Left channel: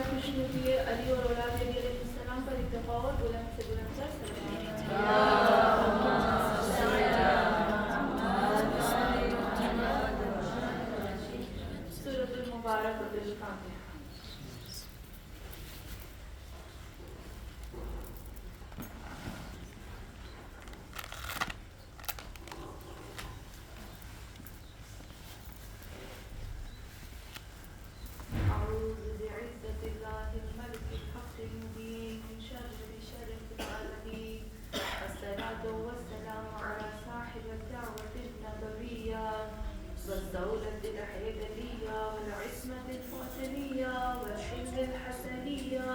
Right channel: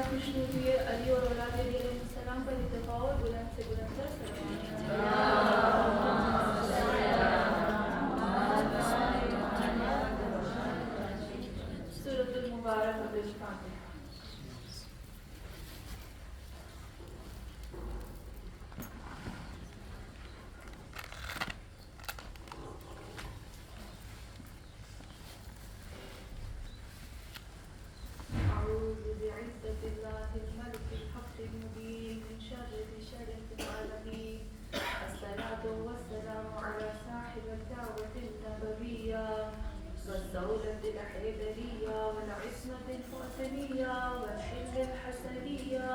برائے خوشنودی علی اور اولاد علی علیہ السلام پر اتفاق اور بلند سے بلند تر سورۃ المبارک الفاتحہ. والدولة الحيدرية والعصمة الفاطمية والحلم الحسنية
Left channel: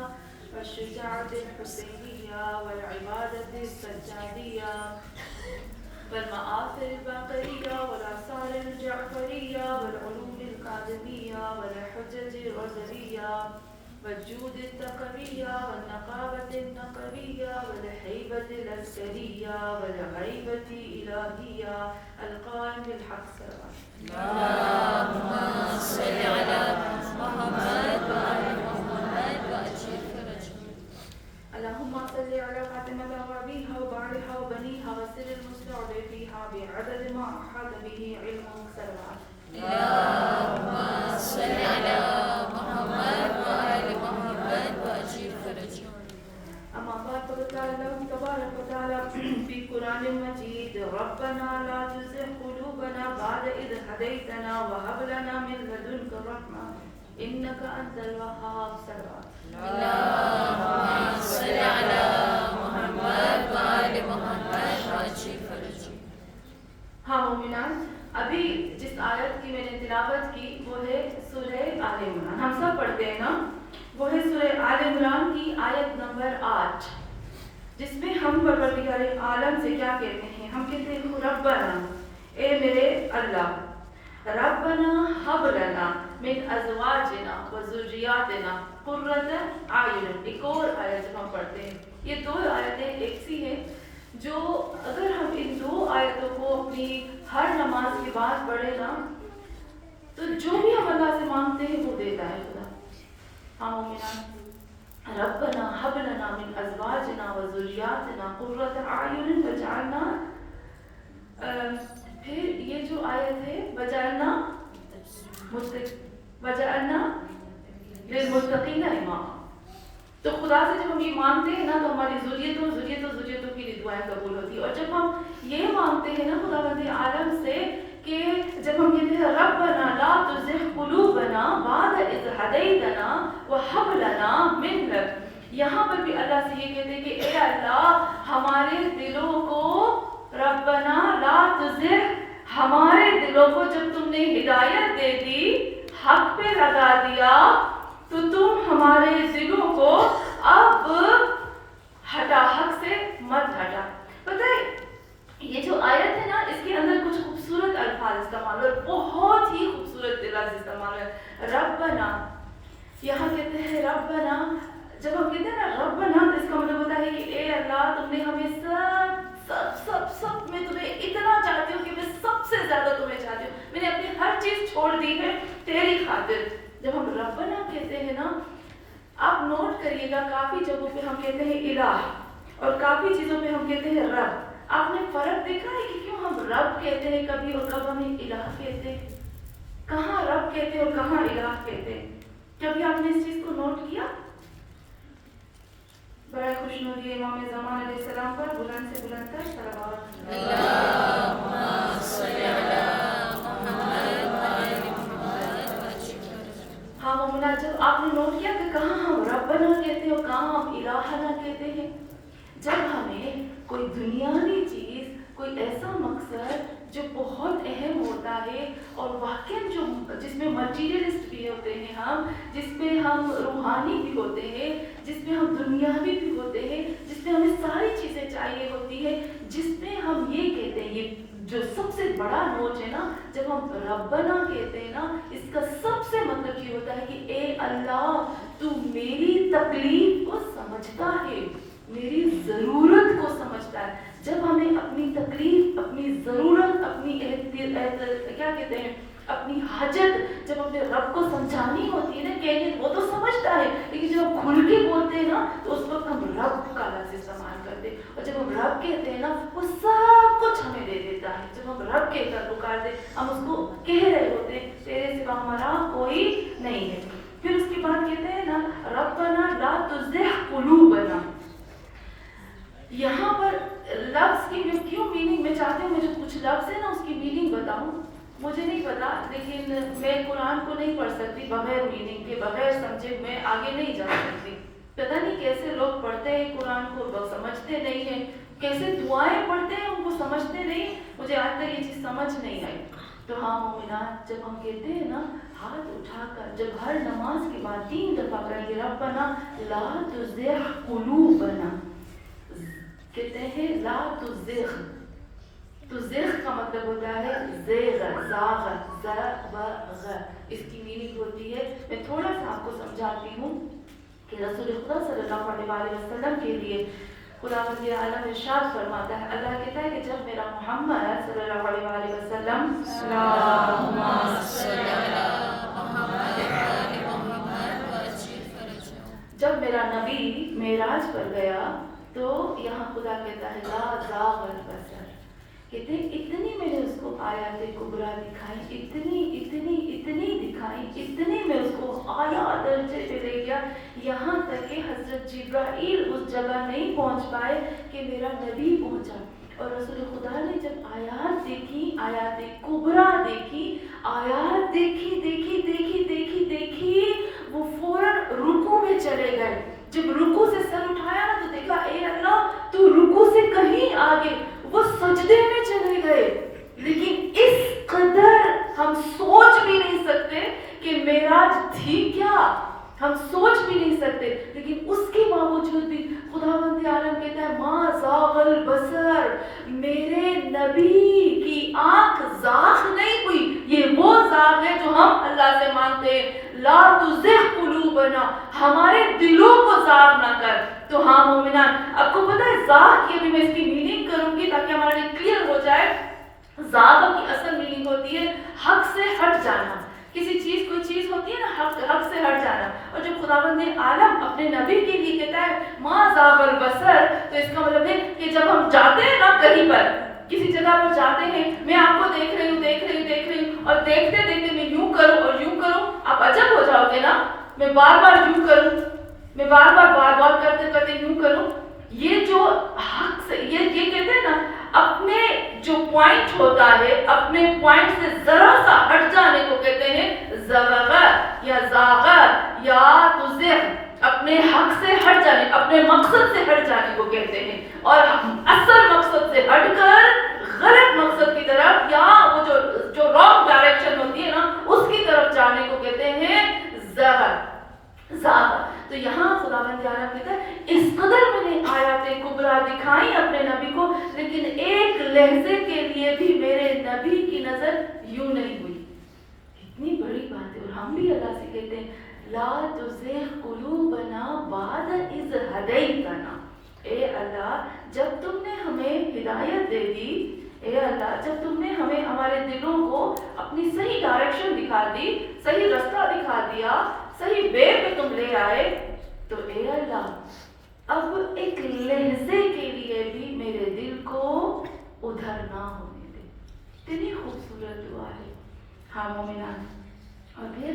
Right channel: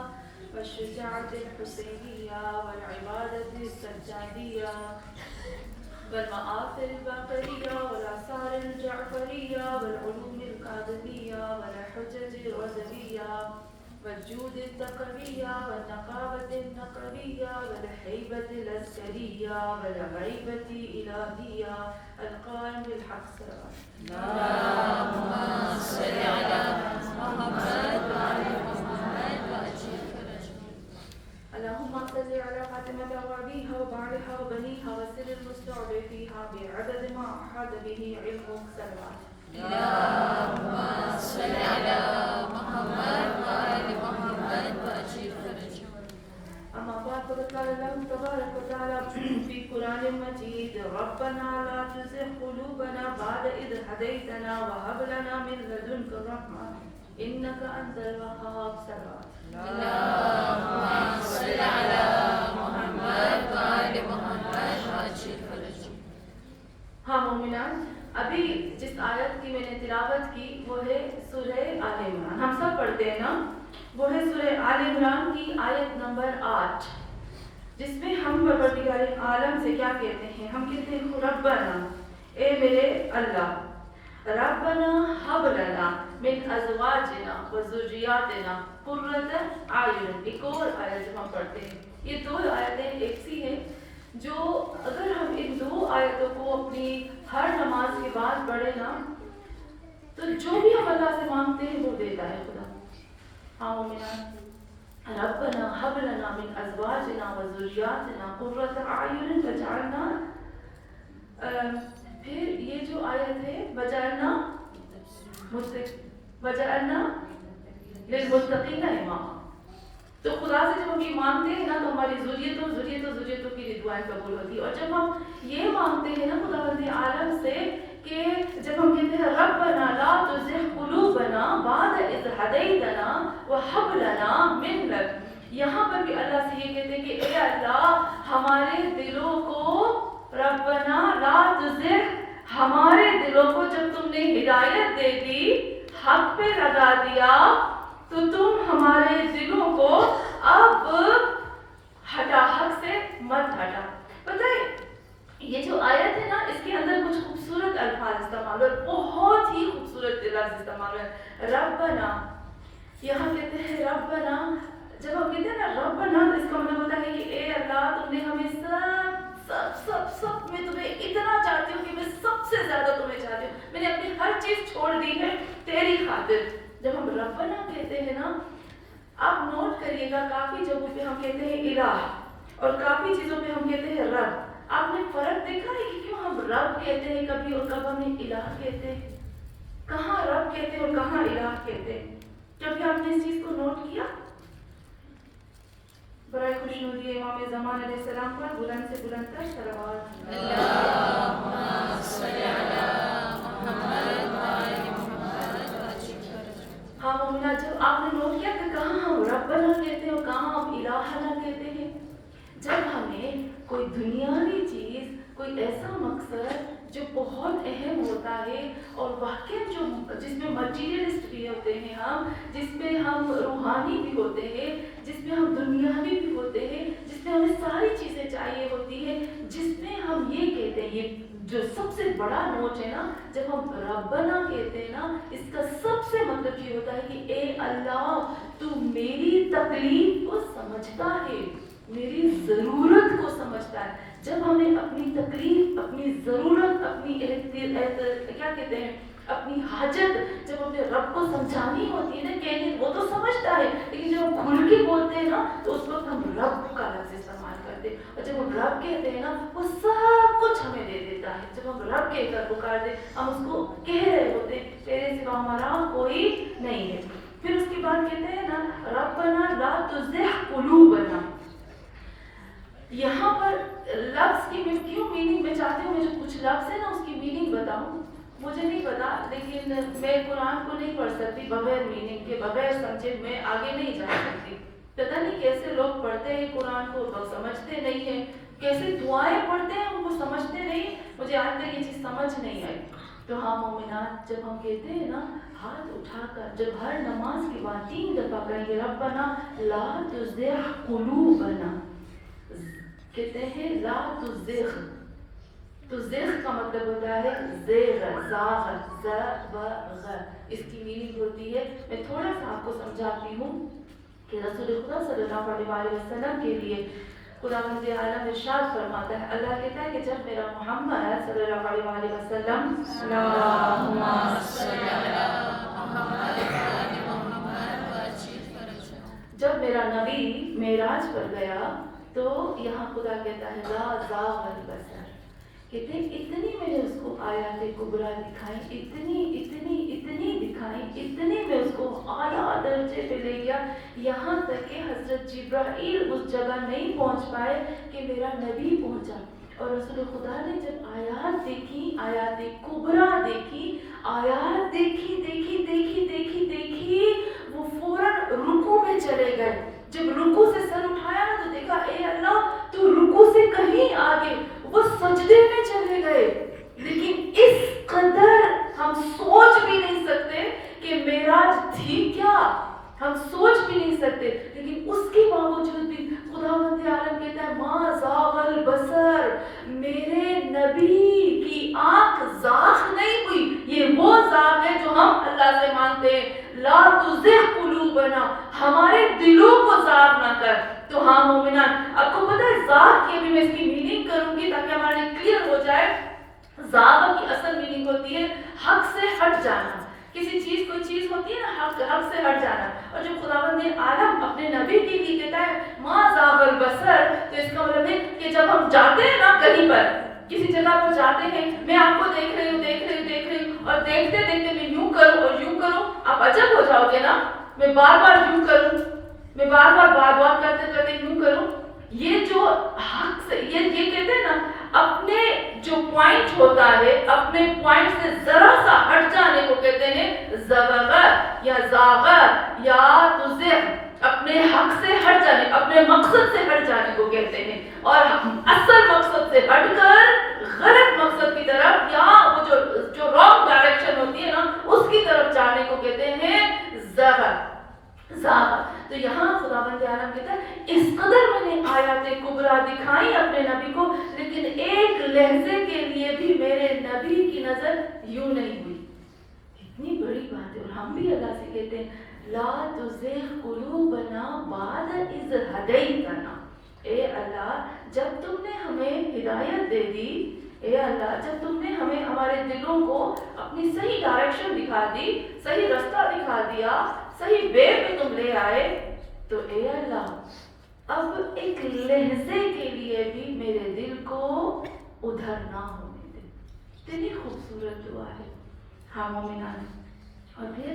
والشجاعة الحسينية والعبادة السجادية والمآثر الباقرية والآثار الجعفرية والعلوم الكاظمية والحجج الرزلية والجود التقوية والنقاوة النقوية والهيبة العسكرية والغيبة الإلهية القائم بالحق سواء. اللهم صل على محمد وعلى محمد وأجل فرجهم. اللهم صل على فاطمة وأبيها وبعلها وبنيها وسر المستودع فيها بعدد ما أحاط به علمك سواء. اللهم صل على محمد وآل محمد وأجل فرجهم. أما بعد فقد قال الله تبارك وتعالى في قرآن مجيد ربنا لا تزغ قلوبنا بعد إذ هديتنا وهب لنا من لدنك رحمة إنك أنت الوهاب. صلوات. اللهم صل على محمد وآل محمد وأجل فرجهم. ہاں مومنان، ابھی جس آیت کی میں نے تلاوت کی وہ ہے سورہ آل عمران. ہم سب پڑھتے ہیں نا؟ وہ ہے سورہ آل عمران کی آیت نمبر 8، جس میں ہم پروردگار عالم سے کیا کہتے ہیں؟ ہم کہتے ہیں ربنا، اے میرے اللہ، ربنا ہب لنا من ازواجنا و ذریاتنا قرۃ اعین. ایک اور آیت جب ہم پڑھتے ہیں، یہ دو آیتیں ایک سی ہیں جو اگر ہم ان دو آیتوں کو اپنی ہر نماز کے بعد پڑھے نا تو جو بھی ہم اللہ سے مانگتے ہیں وہ دیتا ہے خدا. ہاں مومنان، ربنا هب لنا من ازواجنا و ذریاتنا قرۃ اعین وجعلنا، پھر یہ جو آیت ہے وجعلنا للمتقین اماما. تو خدا سے جب ہم یہ مانگتے ہیں نا تو ہماری ذریتوں کی بھی دعائیں قبول ہوتی ہے. اور جب ہم یہ مانگتے ہیں نا خداوند عالم سے کہ جب ہم کہتے ہیں ربنا لا تزغ قلوبنا بعد اذ ہدیتنا وہب لنا من لدنک، یہاں پر بھی اللہ سے یہ کہتے ہیں کہ اے اللہ ہمارے دلوں کو، ربنا لا تزغ، ہمارے دلوں کو جب تم نے ہدایت دے دی، حق پہ لگا دیا، تو تم ہمارے دلوں کو اب ہٹا، حق سے مت ہٹا. پتہ ہے یہ جو آیت ہے نا اس کے اندر کچھ خوبصورت الفاظ استعمال ہوئے، بہت ہی خوبصورت لفظ استعمال ہوئے. ربنا، یہاں کہتے ہیں ربنا، جب ہم کہتے ہیں نا ربنا تو اس کا مطلب ہوتا ہے کہ اے اللہ تم نے ہمیں سب میں تمہیں اتنا چاہتی ہوں کہ میں سب سے زیادہ تمہیں چاہتی ہوں، میں نے اپنی ہر چیز چھوڑ دی ہے تیری خاطر. جب ہم ربنا کہتے ہیں نا، آپ نوٹ کریے گا کافی جگہوں پہ ہم کہتے ہیں الہ اور کافی چیزوں پہ ہم کہتے ہیں رب. آپ نے فرق دیکھا ہے کہ کیوں ہم رب کہتے ہیں کبھی اور کب ہم الہ کہتے ہیں؟ کہاں رب کہتے ہیں اور کہاں الہ کہتے ہیں؟ کبھی آپ نے اس چیز کو نوٹ کیا؟ برائے خوشنودی امام زمان علیہ السلام پر بلند سے بلند تر صلوات. اللہم صل علی محمد وعلی محمد. ہاں مومنہ، جب آپ نے نوٹ کیا کہ کہاں ہم ربنا کہتے ہیں اور کہاں ہم الہنا کہتے ہیں؟ جب ہمیں کوئی دنیاوی چیز، کوئی ایسا مقصد جو بہت اہم ہوتا ہے اور واقعی جو جس میں مٹیریلسٹ بھی ہوتے ہیں ہم، جس میں ہم روحانی بھی ہوتے ہیں، جس میں ہم دنیاوی بھی ہوتے ہیں، جس میں ہمیں ساری چیزیں چاہیے ہوتی ہے، جس میں ہم یہ کہتے ہیں، یہ جو سب سے بڑا نوٹ ہے نا، جب ہم ربنا کہتے ہیں نا، اس کا سب سے مطلب یہ ہوتا ہے کہ اے اللہ تو میری تکلیف کو سمجھتا ہے، میری ضرورت کو سمجھتا ہے. جب ہمیں اپنی تکلیف، اپنی ضرورت، اپنی کیا کہتے ہیں اپنی حاجت جب اپنے رب کو سمجھانی ہوتی ہے نا، کہنے وہ تو سمجھتا ہے، لیکن تو اس وقت ہم رب کا لفظ استعمال کرتے ہیں، اور جب ہم رب کہتے ہیں نا وہ سب کچھ ہمیں دے دیتا ہے. جب ہم رب کہہ کر پکارتے ہم اس کو کہہ رہے ہوتے تیرے سوا ہمارا کوئی نہیں ہے. پھر اس کے بعد کہتے ہیں نا ربنا لا تزغ قلوبنا. یہاں پر لفظ کی میں کیوں میننگ میں چاہتی ہوں، میں جو کچھ لفظ ہے نا اس کی میننگ بتاؤں. مجھے نہیں پتا، لیکن میں قرآن کو نہیں پڑھ سکتی بغیر میننگ کے، بغیر سمجھے میں آگے نہیں جا سکتی. پتہ نہیں کیسے لوگ پڑھتے ہیں قرآن کو، لوگ سمجھتے نہیں ہیں، کیسے دعائیں پڑھتے ہیں ان کو سمجھتے نہیں. مجھے آج تک یہ چیز سمجھ نہیں آئی. تو ہاں مومنات، جب ہم کہتے ہیں نا ہاتھ اٹھا کر، جب ہر نماز کے بعد 3 دفعہ کہیں گے ربنا لا تزغ قلوبنا، کہتے ہیں لا تزغ. تو زغ کا مطلب ہوتا ہے زیغ، زاغ، زغ. اس کی میننگ ہوتی ہے، میں تھوڑا سا آپ کو سمجھاتی ہوں کہ رسول خدا صلی اللہ علیہ وسلم کے لیے خداوند عالم ارشاد فرماتا ہے، اللہ کہتا ہے کہ جب میرا محمد صلی اللہ علیہ وسلم جب میرا نبی معراج پر گیا تو یہاں خدا کہتا ہے لا زاغ البصر. کہتے ہیں اتنی میں نے اس کو آیات کبریٰ دکھائی، اتنی دکھائی، اتنی میں اس کو اعلیٰ درجے پہ لے گیا، یہاں تک کہ حضرت جبرائیل اس جگہ نہیں پہنچ پائے کہ میرا نبی پہنچا. اور رسول خدا نے جب آیات دیکھی، آیات کبریٰ دیکھی، آیات دیکھی، وہ فوراً رکوع میں چلے گئے. جب رکوع سے سر اٹھایا نا تو دیکھا اے اللہ تو رکوع سے کہیں آگے، وہ سجدے میں چلے گئے. لیکن اس قدر ہم سوچ بھی نہیں سکتے کہ معراج تھی کیا، ہم سوچ بھی نہیں سکتے. لیکن اس کے باوجود بھی خداوند عالم کہتا ہے ما زاغ البصر، میرے نبی کی آنکھ زاغ نہیں ہوئی. یہ وہ زاغ ہے جو ہم اللہ سے مانگتے ہیں، لا تزغ قلوبنا، ہمارے دلوں کو زاغ نہ کر. تو ہاں مومنان، آپ کو پتہ ہے زاغ کی ابھی میں اس کی میننگ کروں گی تاکہ ہمارے لیے کلیئر ہو جائے. زاغ کی اصل میننگ ہوتی ہے حق سے ہٹ جانا. کسی چیز، کوئی چیز ہوتی ہے نا حق سے ہٹ جانا. اور جب خداوند عالم اپنے نبی کے لیے کہتا ہے ما زاغ البصر، تو اس کا مطلب ہے کہ جب ہم جاتے ہیں نا کہیں پر، کسی جگہ پر جاتے ہیں، میں آپ کو دیکھ رہی ہوں اور دیکھتے میں یوں کروں، آپ عجب ہو جاؤ گے نا. میں بار بار یوں کروں، میں بار کرتے یوں کروں. یہ جو حق سے یہ کہتے ہیں نا اپنے جو پوائنٹ ہوتا ہے، اپنے پوائنٹ سے ذرا سا ہٹ جانے کو کہتے ہیں زغغ یا زاغ یا تزغ. اپنے حق سے ہٹ جانے، اپنے مقصد سے ہٹ جانے کو کہتے ہیں. اور اصل مقصد سے ہٹ کر غلط مقصد کی طرف یا وہ جو رانگ ڈائریکشن ہوتی ہے نا اس کی طرف جانے کو کہتے ہیں زغغ. تو یہاں خداوند عالم کہتا ہے اس قدر میں نے آیات کبریٰ دکھائی اپنے نبی کو، لیکن ایک لحظے کے لیے بھی میرے نبی کی نظر یوں نہیں ہوئی. کتنی بڑی بات ہے. اور ہم بھی اللہ سے کہتے ہیں لا تزغ قلوبنا بعد اذ ہدیتنا. اے اللہ جب تم نے ہمیں ہدایت دے دی، اے اللہ جب تم نے ہمیں ہمارے دلوں کو اپنی صحیح ڈائریکشن دکھا دی، صحیح رستہ دکھا دیا، صحیح وے پہ تم لے آئے، تو اے اللہ اب ایک لحظے کے لیے بھی میرے دل کو ادھر نہ ہونے دے. اتنی خوبصورت دعا ہے. ہاں مومنان. اور پھر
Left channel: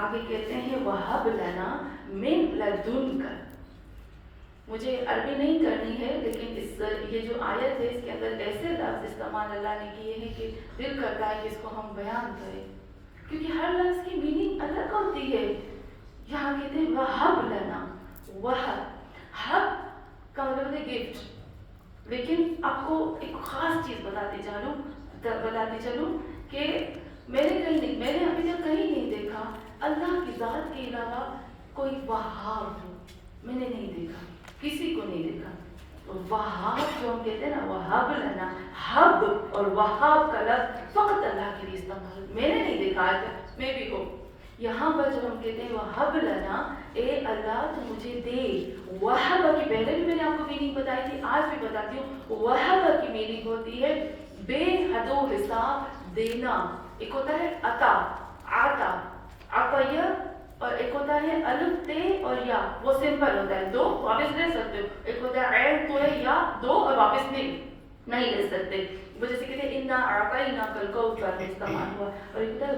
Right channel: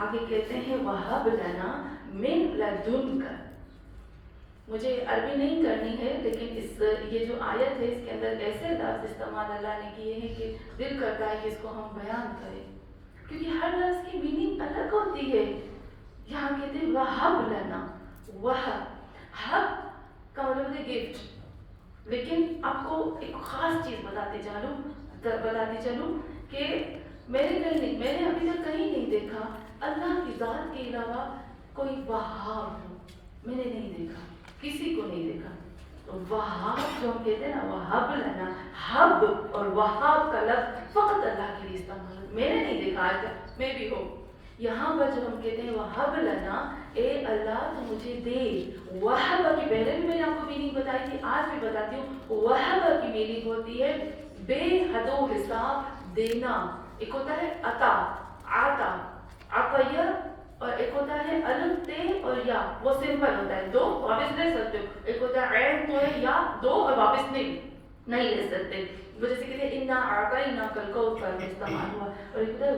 آگے کہتے ہیں وَهَبْ لَنَا مِن لَدُنْكَ. مجھے عربی نہیں کرنی ہے، لیکن یہ جو آیت ہے اس کے اندر ایسے لفظ استعمال اللہ نے کیے ہیں کہ دل کرتا ہے کہ اس کو ہم بیان کریں، کیونکہ ہر لفظ کی میننگ الگ ہوتی ہے. یہاں کہتے ہیں وَهَبْ لَنَا. حب کا مطلب ہے گفٹ. لیکن آپ کو ایک خاص چیز بتاتے چلوں کہ میں نے ابھی تک کہیں نہیں دیکھا اللہ کی ذات کے علاوہ کوئی وہاب ہو. میں نے نہیں دیکھا، کسی کو نہیں دیکھا. وہاب جو ہم کہتے ہیں نا وہاب لنا، حب اور وہاب کا لفظ فقط اللہ کے لیے استعمال. میں نے نہیں دیکھا آج تک، میں بھی ہو. یہاں پر جب ہم کہتے ہیں وہب لنا، اے اللہ تو مجھے دے. وہب کی پہلے بھی میں نے آپ کو میننگ بتائی تھی، آج بھی بتاتی ہوں. وہب کی میننگ ہوتی ہے بے حد و حساب دینا. ایک ہوتا ہے عطا، عطیہ، اور ایک ہوتا ہے الف تے اور یا وہ سمپل ہوتا ہے, دو واپس لے سکتے ہو. ایک ہوتا ہے عین تو ہے یا دو اور واپس نہیں لے سکتے. وہ جیسے کہتے ہیں انا اعطینا الکوثر میں استعمال ہوا. اور ایک ہوتا ہے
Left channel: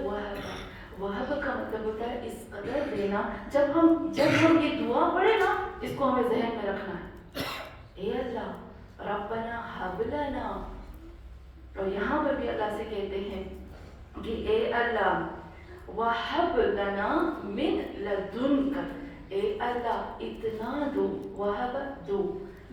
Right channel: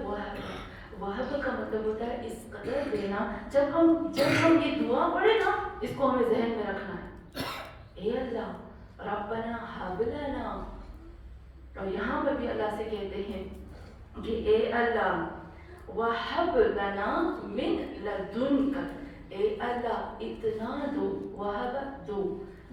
وہب کا مطلب ہوتا ہے اس قدر دینا. جب ہم یہ دعا پڑھے نا, اس کو ہمیں ذہن میں رکھنا ہے, اے اللہ ربنا ہب لنا. اور یہاں پر بھی اللہ سے کہتے ہیں کہ اے اللہ وہب لنا من لدنک, اے اللہ اتنا دو, وہب دو,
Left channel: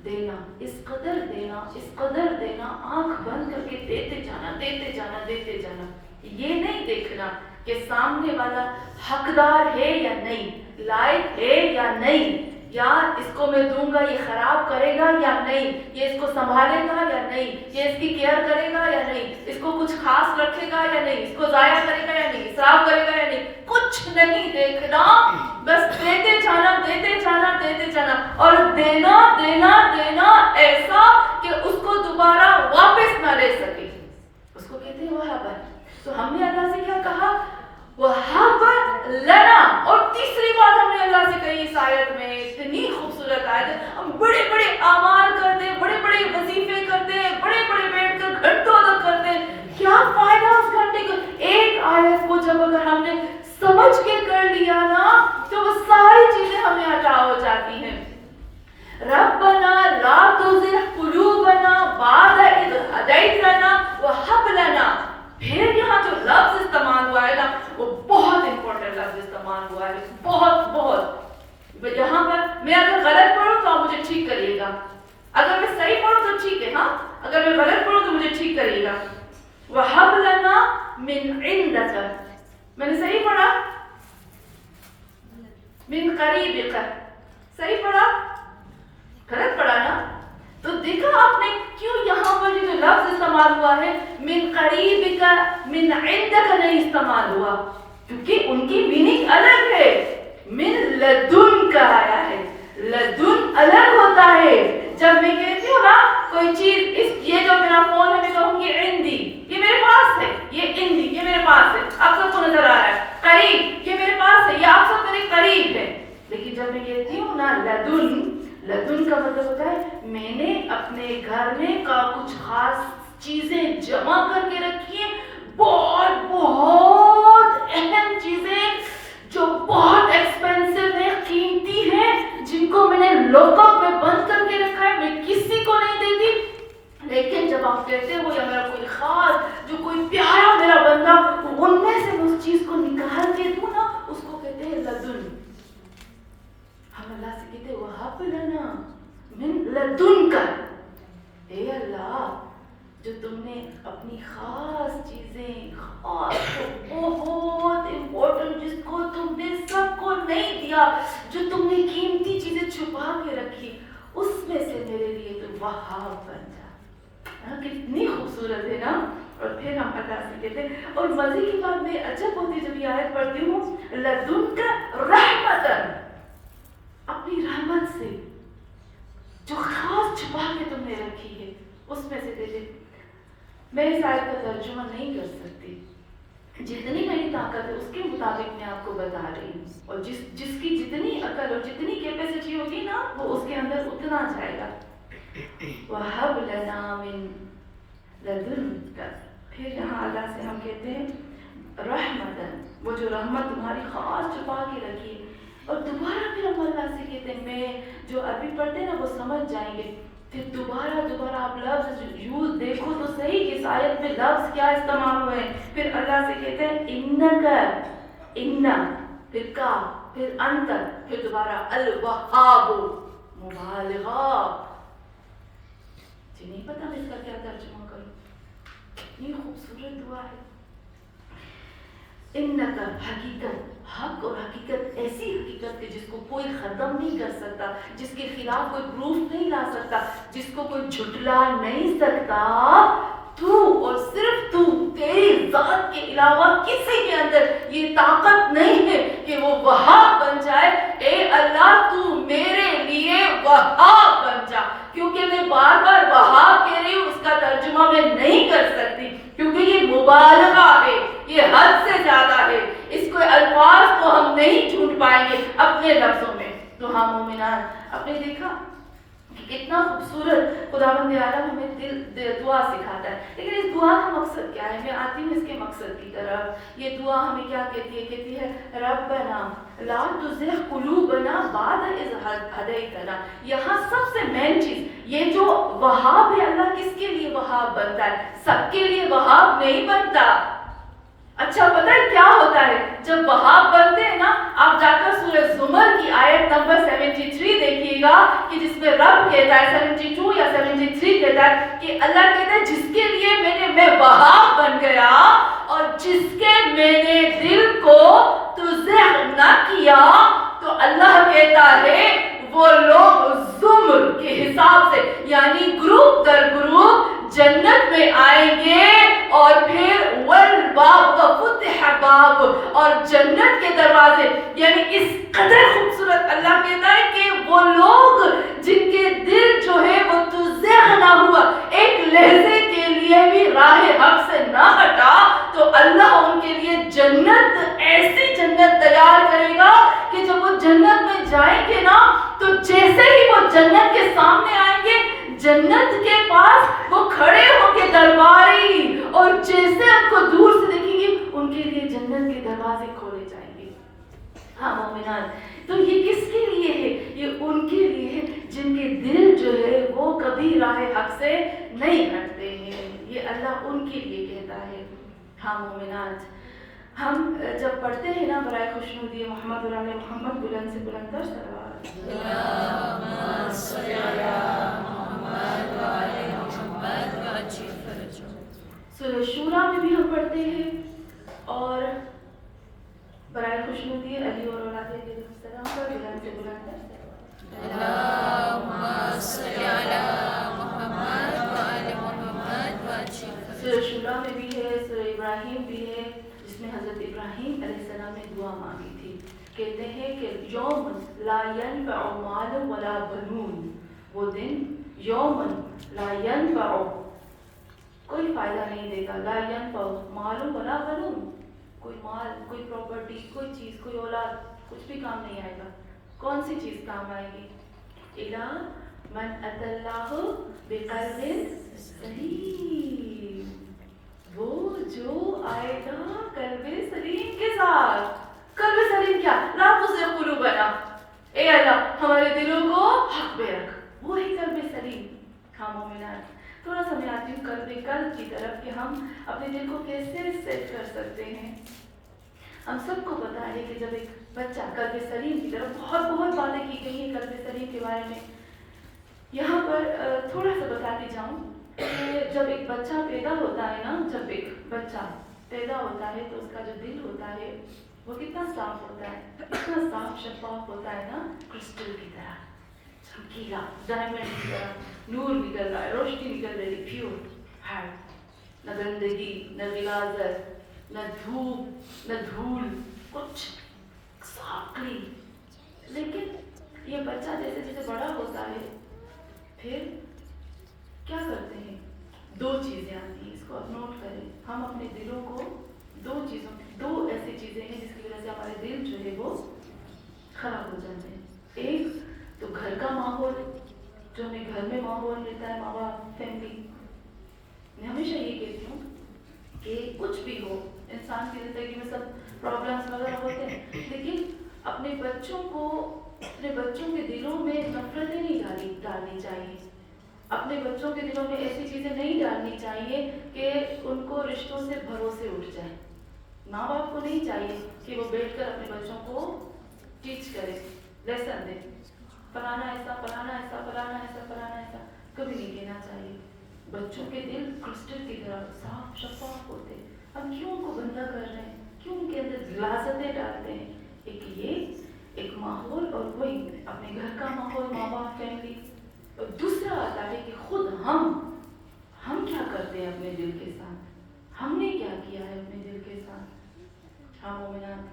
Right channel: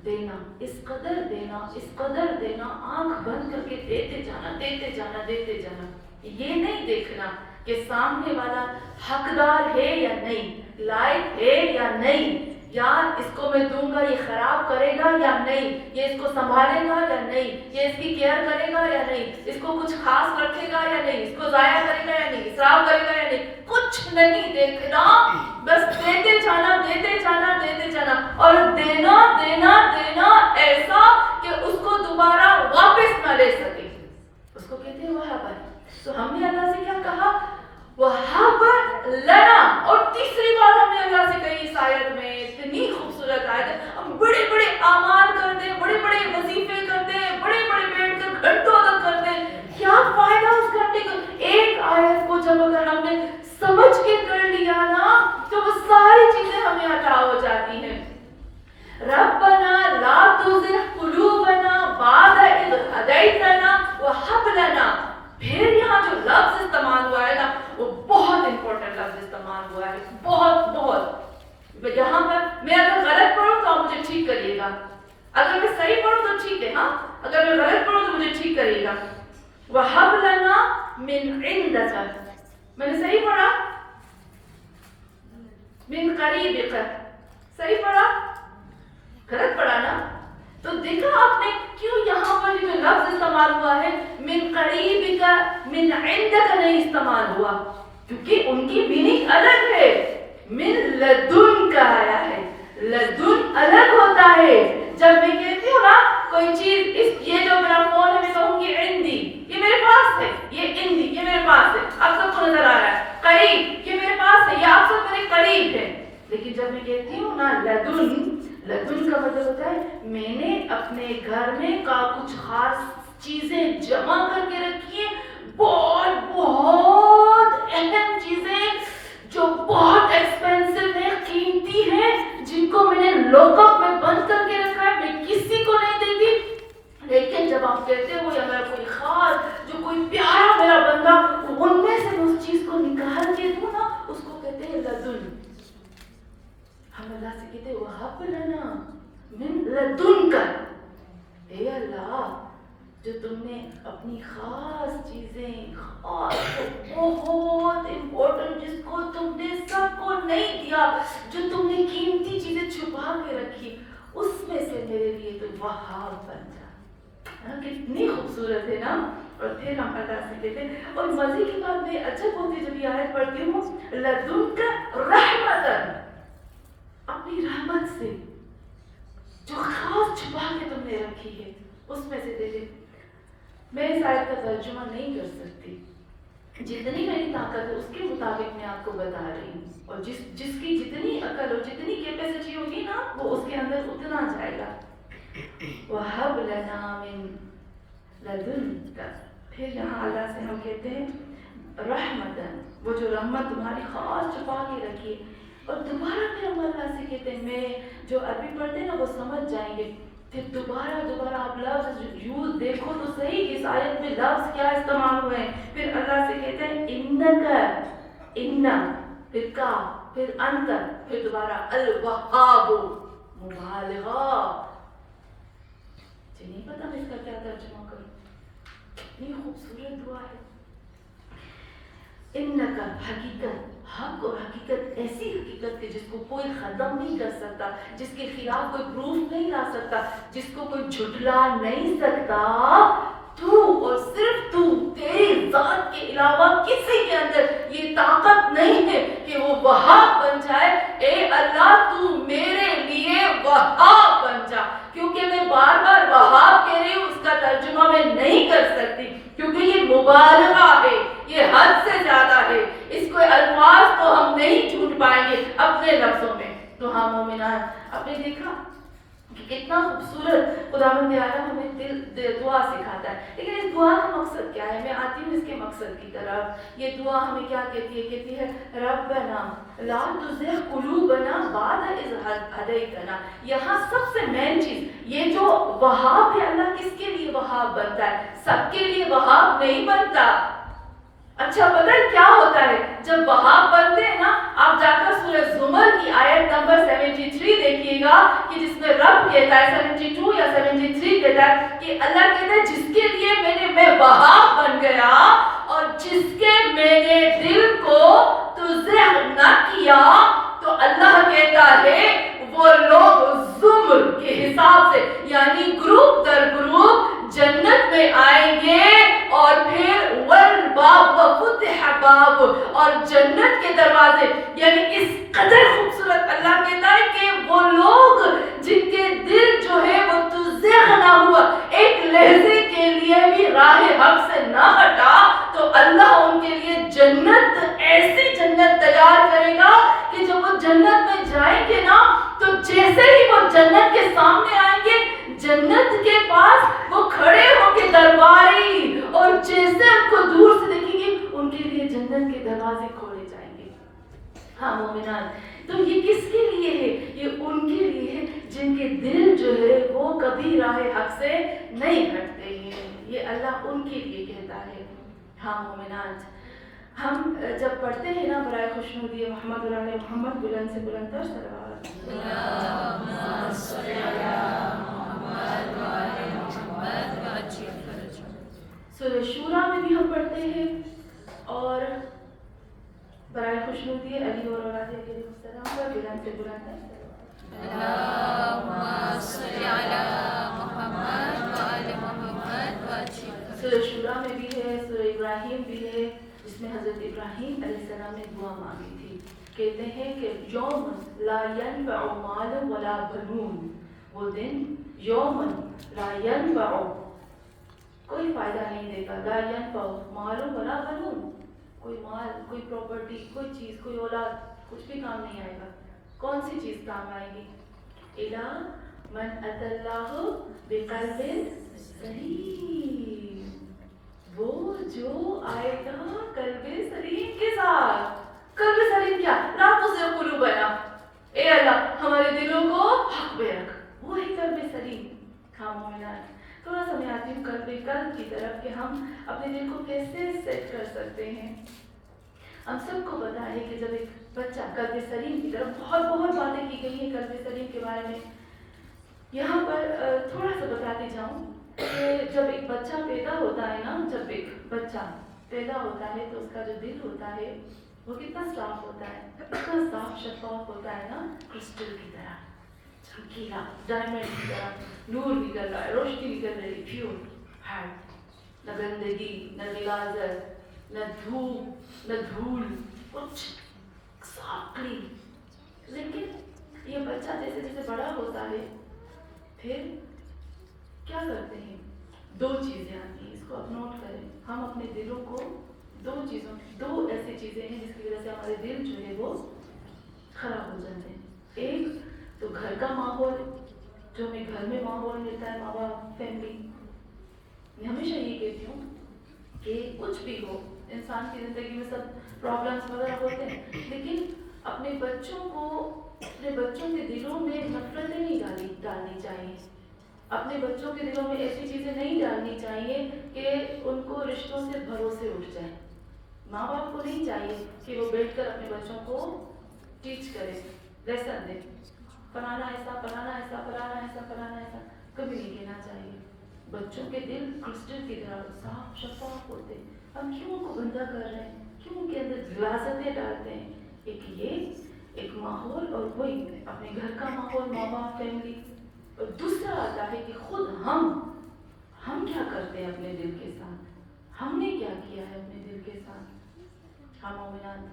دینا, اس قدر دینا, اس قدر دینا, آنکھ بند کر کے دیتے جانا, دیتے جانا, دیتے جانا. یہ نہیں دیکھنا کہ سامنے والا حقدار ہے یا نہیں, لائق ہے یا نہیں, یا اس کو میں دوں گا یہ خراب کرے گا یا نہیں, یہ اس کو سنبھالے گا یا نہیں, یہ اس کی کیئر کرے گا یا نہیں, اس کو کچھ خاص رکھے گا یا نہیں, اس کو ضائع کرے گا یا نہیں, اسراف کرے گا یا نہیں, کچھ نہیں دیکھنا. بس دیتے جانا, دیتے جانا, دیتے جانا, اور دینا دینا دینا ایسا کہ اس کو دوبارہ واپس نہ لے سکے. اس کو کہتے ہیں وہاب. تو ہم نے اللہ سے کیا کہا, وہاب لنا. اور تیسری بات ہم نے اللہ سے کہی اس آیت میں, اتنی خوبصورت آیت ہے. ہم بڑے بڑے اعمال کرتے ہیں, بڑے بڑے وظیفے کرتے ہیں, بڑے بڑے بیٹھ کر گھنٹوں تک کرتے ہیں, کیا فائدہ اس گھنٹے کا. ایک آیت کو جب اگر ہم نے سمجھ کے کر لیا نا, تو وہ ساری چیزیں ہمیں عطا ہو جاتی ہیں. ربنا لا تزغ قلوبنا بعد اذ ہدیتنا وہب لنا. پھر یہاں جو لفظ استعمال ہوا ہے نا, وہ بہت امپورٹنٹ لفظ استعمال ہوا ہے, بہت بہت. یہاں پر میں اگر غلط پڑھوں تو آپ مجھے ٹھیک کریے گا, اگر میں صحیح پڑھوں تو ٹھیک ہے, ہاں اگر میں غلط پڑھوں تو مجھے ٹھیک کریے گا. وَهَبْ لَنَا مِنْ عِنْدَكَ, میں نے صحیح پڑھا, مِنْ قَرِيبِكَ, صحیح پڑھا, غلط پڑھا نا. تو دیکھا آپ نے کیوں یہاں پر جو لفظ استعمال ہوا ہے من قریب کا, من عندک نہیں استعمال ہوا, کیونکہ ان کی میننگ الگ ہے. من لدن کا آیا ہے, لدن الگ ہوتا ہے. جب میں کہتی ہوں نا کوئی چیز, یہ جو میرا فون ہے, میں کہوں گی عندی, یہ میرے پاس ہے, یہ عندی, یہ میرے پاس ہے, آپ سب کو نظر آ رہا ہے. قریب, یہ میرے پاس ہے, یہ آپ سب میرے قریب ہے. لیکن جب میں کہتی ہوں نا لدن, لدن کا مطلب ہوتا ہے میں نے اپنے گھر میں کا کچھ خاص چیزیں جمع کر کے رکھی ہیں, بہت بہت اہم چیزیں جو بہت ایکسپینسو ہیں, قیمتی ہیں, جن کو میں نے لاک اپ میں بند کر کے رکھا ہے, میں کسی کو نہیں دیتی. لیکن جب آپ کہتے ہو یا میرا کوئی خاص, جو کوئی پیارا میرا بندہ, ان میں سے اس چیز کو نکال کے دوں نا, اس کو کہتے ہیں لدن. ہم اللہ سے کہتے ہیں وہب لنا من لدن کا, اے اللہ جو تم نے اپنی خاص چیزیں, خاص بہت امپورٹنٹ, جس کو تم نے سب کو نہیں دیا, جو تم نے قیمتی چیزیں چھپا کے رکھی, اس میں سے میرے لیے تو وہاب بن جا. کتنی خوبصورت ہے نا. اور پھر ہم اللہ سے کہتے ہیں, اور مزے کی بات میں عجب ہوتی جب یہ آیت پڑھتی ہوں, لدن کا رحمتن, اپنی رحمت سے جو خاص چھپا کے تم نے رکھی ہے, اس میں سے دے دے. میں اس آیت کا ترجمہ نہیں کر سکتی, جتنی میری طاقت ہے اس کے مطابق میں آپ کو بتا رہی ہوں, اور جس کی جتنی عقل اور جتنی کیپیسٹی ہوگی نا, وہ اس کے اندر اتنا جائے گا. وَهَبْ لَنَا مِن لَدُنْكَ. پھر یہاں اللہ سے ہم کہتے ہیں رحمتاً, وہ جو رحمت تمہاری خاص چھپا کے رکھی ہے. اور دوبارہ پھر ہم اللہ سے کہتے ہیں, میں جو عربی پڑھتے ہیں نا وہ سمجھ جائیں گے. پھر دوبارہ آپ لفظ یوز دیکھو تو صحیح, اس آیت میں لفظ کیا استعمال ہوئے ہیں. پھر اللہ سے کہتے ہیں انکا, انا, پھر کا, پھر انت, پھر دوبارہ الوہاب, مبالغہ. مجھے نہیں پتا میں اس کا کیا ترجمہ کروں, کتنی خوبصورت دعا ہے. انکا, حقیقت, حق اور حقیقت, ایسی حقیقت کہ جس کو کوئی ختم نہیں کر سکتا, جس کے خلاف کوئی پروف نہیں لا سکتا, جس کو کوئی جھٹلا نہیں سکتا. تو اور صرف تو, تیری ذات کے علاوہ کسی کے اندر یہ طاقت نہیں ہے کہ وہ وہاب بن جائے. اے اللہ تو میرے لیے وہاب بن جا. کیونکہ میں بار بار وہاب کہہ رہی ہوں, اس کا ترجمہ میں نہیں کر سکتی, کیونکہ یہ مبالغہ ہے, یہ حد سے زیادہ ہے. اس کو الفاظ تو ہم نہیں ڈھونڈ پائیں گے اپنے لفظوں میں. تو ہاں مومنان، آپ نے دیکھا کہ کتنا خوبصورت خداوند عالم ہمیں دعا سکھاتا ہے. لیکن اس دعا کا مقصد کیا ہے؟ میں آتی ہوں اس کے مقصد کی طرف. یہ دعا ہمیں کیا کہتی ہے؟ کہتی ہے ربنا لا تزغ قلوبنا بعد اذ ہدیتنا. یہاں سب سے مین چیز یہ جو وہاب ہے، اللہ کس کے لیے وہاب بنتا ہے؟ سب کے لیے وہاب نہیں بنتا. اچھا پتہ ہے کیا ہوتا ہے جب وہاب بنتے ہیں نا؟ آپ جا کر سورہ زمر کی آیت نمبر 73 دیکھیے گا کہ جس میں رب کہتا ہے 72 یا 73 کہتا ہے کہ اللہ کہتا ہے جس کے لیے میں وہاب بن گیا اور جس کے میں نے دل کو تزغ نہ کیا، تو اللہ کہتا ہے وہ لوگ زمر کے حساب سے یعنی گروپ در گروپ جنت میں آئیں گے. اور پھر والباب وفتح باب، اور جنت کے دروازے، یعنی اس قدر خوبصورت اللہ کہتا ہے کہ وہ لوگ جن کے دل جو ہے وہ تزغ نہ ہوا، ایک لہجے کے لیے بھی راہ حق سے نہ ہٹا، تو اللہ ان کے لیے جنت، ایسی جنت تیار کرے گا کہ جب وہ جنت میں جائیں گے نا تو جیسے ہی وہ جنت کے سامنے آئیں گے، جنت کے پاس وہ کھڑے ہو کے درباری، اور جیسے ان کو دور سے دیکھیں گے ان کے لیے جنت کے دروازے کھولے جائیں گے. ہاں مومنان، تو یہ کس کے لیے ہے؟ یہ ان کے لیے ہے جن کے دل جو ہے وہ کبھی راہ حق سے نہیں ہٹتے ہیں. یہ اللہ ان کے لیے کہتا ہے. ہاں مومنان، ہم جب پڑھتے ہیں نا برائے خوشنودی محمد علی محمد، بلند سے بلند تر صلوات، اللہم صلی علی محمد وعلی محمد وعجل فرجہ. سورہ شورا میں بھی ہم پڑھتے ہیں، اور برائے خوشنودی علی اور اولاد علیہ السلام پر بلند سے بلند تر اللہم صلی علی محمد وعلی محمد وعجل. سورہ شورا میں بھی ہے، سورہ ابراہیم بھی ہے جس میں حضرت ابراہیم علیہ السلام نے دعا مانگی تھی. کہتے ہیں کہ یوم لا ینفع مال ولا بنون، وہ دن یوم لا ینفع، کوئی فائدہ نہیں دے گا، لا ینفع مال ولا بنون، کوئی مال، کوئی پراپرٹی، کوئی چیز، کوئی اولاد، کچھ بھی کام نہیں آئے گا. کون سی چیز کام آئے گی؟ الا من اتی اللہ بقلب سلیم، وہ جو آئے گا قلب سلیم کے ساتھ. قلب سلیم کیا؟ لا تزغ قلوبنا، اے اللہ ہمارے دلوں کو حق پہ رکھ، وہی قلب سلیم. ہاں مومنان، تھوڑا سا میں آتی ہوں قلب کی طرف کہ ہم اپنے دل کو کیسے سیٹ کر سکتے ہیں. ہم سب کو پتا ہے کہ جب ایک بچہ قلب سلیم کی طرف، بہت باتیں کی گئی ہیں قلب سلیم کے بارے میں. یہاں پر تھوڑا سا بتاتی جاؤں کہ جب ایک بچہ پیدا ہوتا ہے نا، جب ایک بچہ پیدا ہوتا ہے تو اس کا جو دل ہوتا ہے وہ کتنا صاف ہوتا ہے، اتنا صاف شفاف ہوتا ہے نا، کرسٹل کی طرح چمکیلا، ڈائمنڈ کی طرح نور نکل رہا ہے، روشنی نکل رہی ہے، پیور ہے، نہ گندگی، نہ غلاظت، نہ دھوپ، نہ دھول، کچھ صاف کلین. لیکن یہ بچہ جیسے جیسے بڑا ہوتا ہے پھر کیا کرتے ہیں؟ دو چیزیں آتی ہیں، اس کو آپ نوٹ کریں. ہم اپنے دلوں کو دو ایسی چیزیں ہیں جس کی وجہ سے ہمارے دل جو ہے وہ خراب ہو جاتے ہیں. ایک تو گھر کا ماحول، جو ہمیں گھر میں ماحول ملتا ہے، ماں باپ، فیملی. میں ہمیشہ یہ کہتی ہوں کہ کچھ بھی ہو، انسان کی زندگی میں سب پرابلمس وغیرہ ہوتے ہیں، لیکن اپنے بچوں کے دلوں میں نفرتیں نہیں ڈالنی چاہیے. اپنے بچوں کے دلوں میں ایسی چیزیں نہیں ڈالنی چاہیے کہ ان کو رشتوں سے بھروسے اٹھ جائیں. ماں باپ کو نہیں چاہیے کہ وہ بیٹھ کر اپنے بچوں کو ٹیچ کرے، لیسن دے، فلانا ایسا، فلانا ایسا، فلانا ایسا، فلانا ایسا. کبھی نہیں کہنا چاہیے. بچوں کے دل کرسٹل کی طرح صاف شفاف ہوتے ہیں. ہم کیوں ان کو گندا کر رہے ہیں؟ کیوں ان کے اندر غلاظتیں ڈالتے ہیں؟ ایک ماحول، اور وہی اپنے گھر کا ماحول، ماں باپ، فیملی. اور دوسرا آتا ہے کہ خود ہم کیا کرتے ہیں اپنے دل کے ساتھ، ہم نے کیا کیا ہے اپنے دل کے ساتھ. ہم مومنان،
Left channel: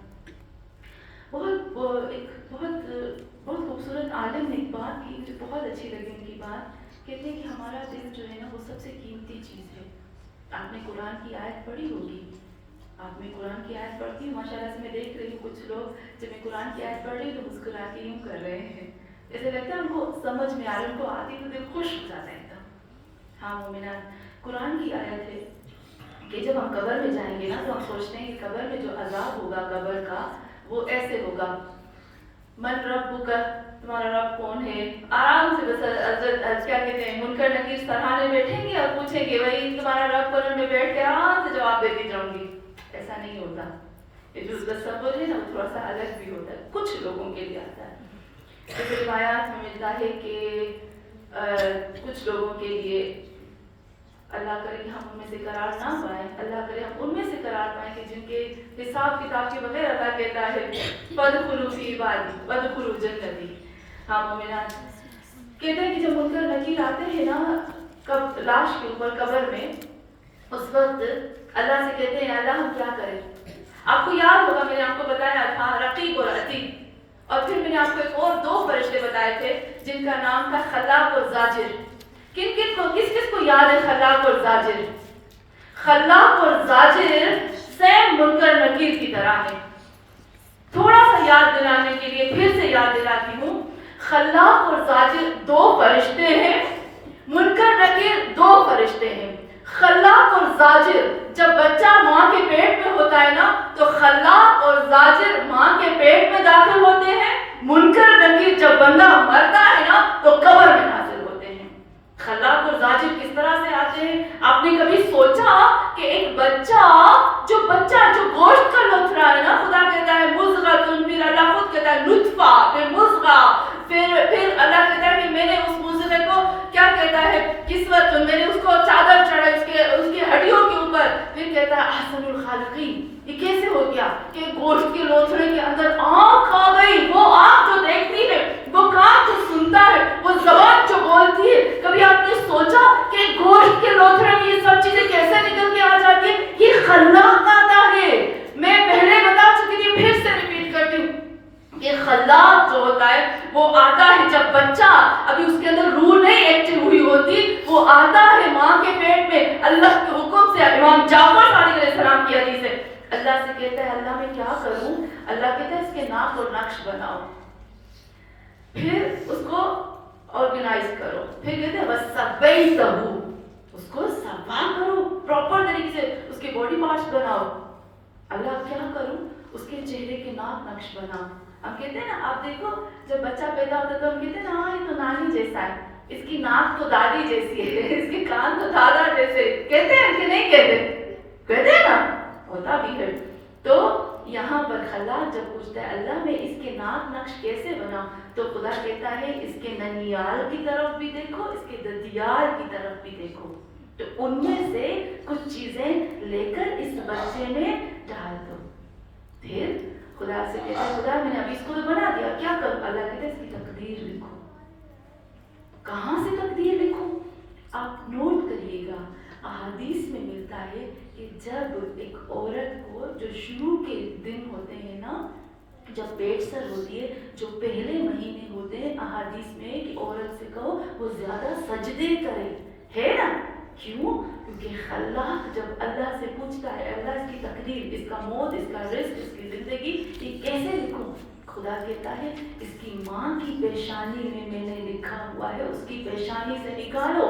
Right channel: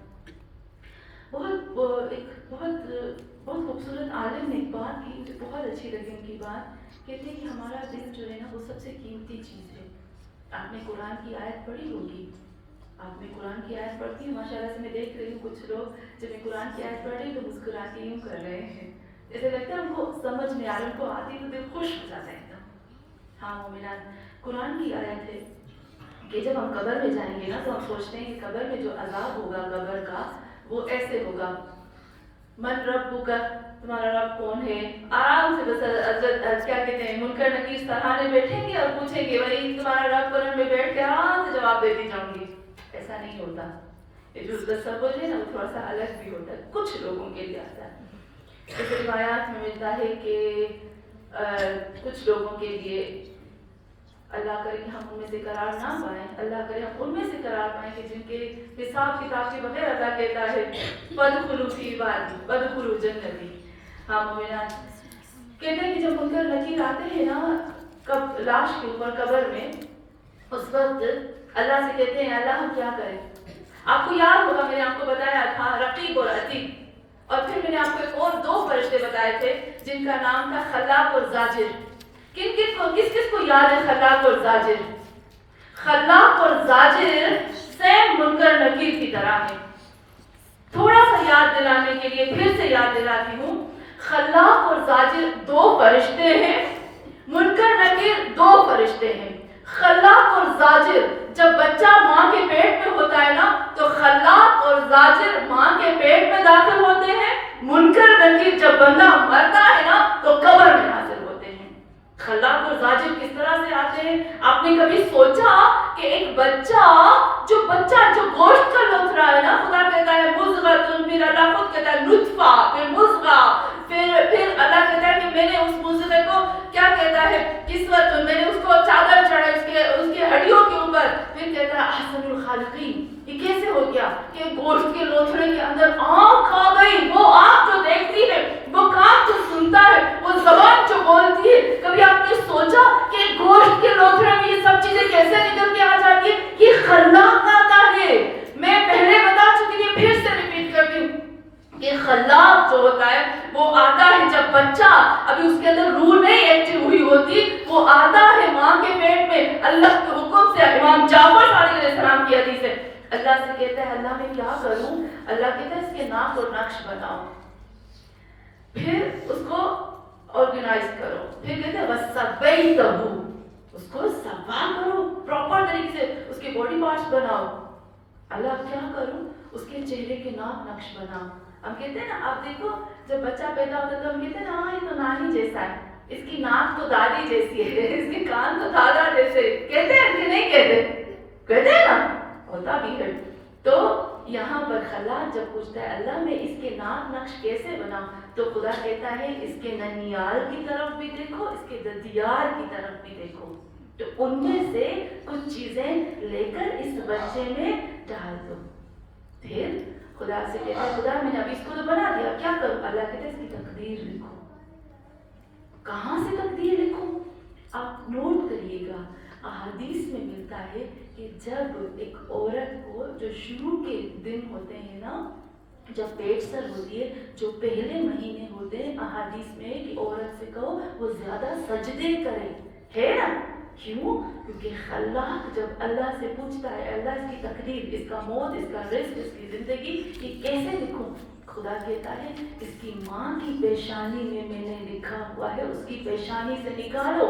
بہت خوبصورت عالم نے ایک بات کی، مجھے بہت اچھی لگی ان کی بات. کہتے ہیں کہ ہمارا دل جو ہے نا وہ سب سے قیمتی چیز ہے. آپ نے قرآن کی آیت پڑھی ہوگی آپ میں قرآن کی آیت پڑھتی ہوں ماشاء اللہ سے میں دیکھ رہی ہوں کچھ لوگ جب میں قرآن کی آیت پڑھ رہی ہوں تو مسکرا کے یوں کر رہے ہیں، جیسے لگتا ہے ان کو سمجھ میں آ رہا ہے، ان کو آتی تو دل خوش ہو جاتا ہے ایک دم۔ ہاں مومنات، قرآن کی آیت ہے کہ جب ہم قبر میں جائیں گے نا تو ہم سوچتے ہیں کہ قبر میں جو عذاب ہوگا قبر کا وہ ایسے ہوگا، من ربک، تمہارا رب کون ہے، آرام سے بس کیا کہتے ہیں منکر نکیر سراہنے بیٹھیں گے اور پوچھیں گے وہی تمہارا رب قبر میں بیٹھ کے آرام سے جواب دیتی جاؤں گی۔ ایسا نہیں ہوتا، یہ جو تصور ہے نا وہ تھوڑا سا الگ بھی ہوتا ہے، کچھ لوگوں کے لیے آتا ہے۔ اس روایات میں ملتا ہے کہ کچھ لوگوں کے لیے اللہ کرے کہ ہم ان میں سے قرار نہ پائیں، اللہ کرے ہم ان میں سے قرار پائیں کہ جن کے حساب کتاب کے بغیر اللہ کہتا ہے وَادْخُلُوا فِي عِبَادِي وَادْخُلُوا جَنَّتِي۔ ہاں مومنات، کہتے ہیں کہ جب منکر نکیر آتے ہیں نا لاش کے اوپر قبر میں، اس وقت اللہ سے کہتے ہیں اللہ ہم کیا کریں؟ آپ کو یاد ہوگا میں نے آپ کو بتایا تھا رقیب اور عتیق، اور پھر میں نے آپ کو ایک اور 2 فرشتے بتائے تھے جن کا نام تھا خلاق اور زاجر۔ کس کو یاد ہے خلاق اور زاجر؟ خلاق اور زاجر سیم منکر نکیر کی طرح ہے۔ تھوڑا سا یاد دلانے کے لیے پھر سے یاد دلاتی ہوں، خلاق اور زاجر 2 فرشتے ہیں، منکر نکیر 2 فرشتے ہیں۔ خلاق اور زاجر جب بچہ ماں کے پیٹ میں ہوتا ہے نا تو خلاق اور زاجر ماں کے پیٹ میں داخل ہوتے ہیں، منکر نکیر جب بندہ مرتا ہے نا تو قبر میں نازل ہوتے ہیں۔ خلاق اور زاجر کس طرح سے آتے ہیں؟ آپ نے کبھی سوچا کہ ایک بچہ جو گوشت کا لوتھڑا ہے نا، خدا کہتا ہے مضغۃ، پھر اللہ خود کہتا ہے نطفہ، پھر مضغہ، پھر اللہ کہتا ہے کہ میں نے اس مضغے کو کیا کہتا ہے کسوت، میں نے اس کو چادر چڑھائی اس کے ہڈیوں کے اوپر، پھر کہتا ہے احسن الخالقین۔ یہ کیسے ہو گیا کہ گوشت کے لوتھڑے کے اندر آنکھ آ گئی، وہ آنکھ جو دیکھتی ہے، وہ کان جو سنتا ہے، وہ زبان جو بولتی ہے۔ کبھی آپ نے سوچا کہ گوشت کے لوتھڑے میں یہ سب چیزیں کیسے نکل کے آ جاتی ہیں؟ یہ خلاق آتا ہے۔ میں پہلے بتا چکی تھی، پھر سے ریپیٹ کرتی ہوں کہ خلاق جو ہوتا ہے وہ آتا ہے جب بچہ ابھی اس کے اندر روح نہیں ایکٹیو ہوئی ہوتی، وہ آتا ہے ماں کے پیٹ میں اللہ کے حکم سے۔ امام جعفر صادق علیہ السلام کی حدیث ہے، اللہ سے کہتا ہے اللہ میں کیا کروں؟ اللہ کہتا ہے اس کے ناک اور نقش بناؤ، پھر اس کو آرگنائز کرو، پھر کہتے ہیں وَسَوَّيْتَهُ، اس کو سوا کرو، پراپر طریقے سے اس کے باڈی پارٹس بناؤ۔ اللہ کیا کروں؟ اس کے چہرے کے ناک نقش بناؤ۔ ہم کہتے ہیں نا، آپ دیکھو جب بچہ پیدا ہوتا ہے تو ہم کہتے ہیں نا ہاں یہ تو نانی جیسا ہے، اس کی ناک تو دادی جیسی ہے، اس کے کان تو دادا جیسے، کہتے ہیں کہ نہیں کہتے ہیں نا، ہوتا بھی ہے۔ تو یہاں پر خلاق جب پوچھتا ہے اللہ میں اس کے ناک نقش کیسے بناؤں، تو خدا کہتا ہے اس کے ننیال کی طرف بھی دیکھو، اس کے ددیال کی طرف بھی دیکھو، تو ان میں سے کچھ چیزیں لے کر اس بچے میں ڈال دو۔ پھر خدا سے کہتا ہے خدا میں نے ابھی اس کو تو بنا دیا، کیا کروں؟ اللہ کہتا ہے اس کی تقدیر لکھو۔ کہاں سے تقدیر لکھو؟ آپ نوٹ کریے گا، احادیث میں ملتا ہے کہ جب ایک عورت کو جو شروع کے دن ہوتے ہیں نا، جب پیٹ سر ہوتی ہے، جو پہلے مہینے ہوتے ہیں، احادیث میں کہ عورت سے کہو وہ زیادہ سجدے کرے، ہے نا؟ کیوں؟ کیونکہ خلاق جب اللہ سے پوچھتا ہے اللہ اس کی تقدیر، اس کا موت، اس کا رزق، اس کی زندگی یہ کیسے لکھوں؟ خدا کہتا ہے اس کی ماں کی پیشانی میں نے لکھا ہوا ہے، اس کی پیشانی سے نکالو۔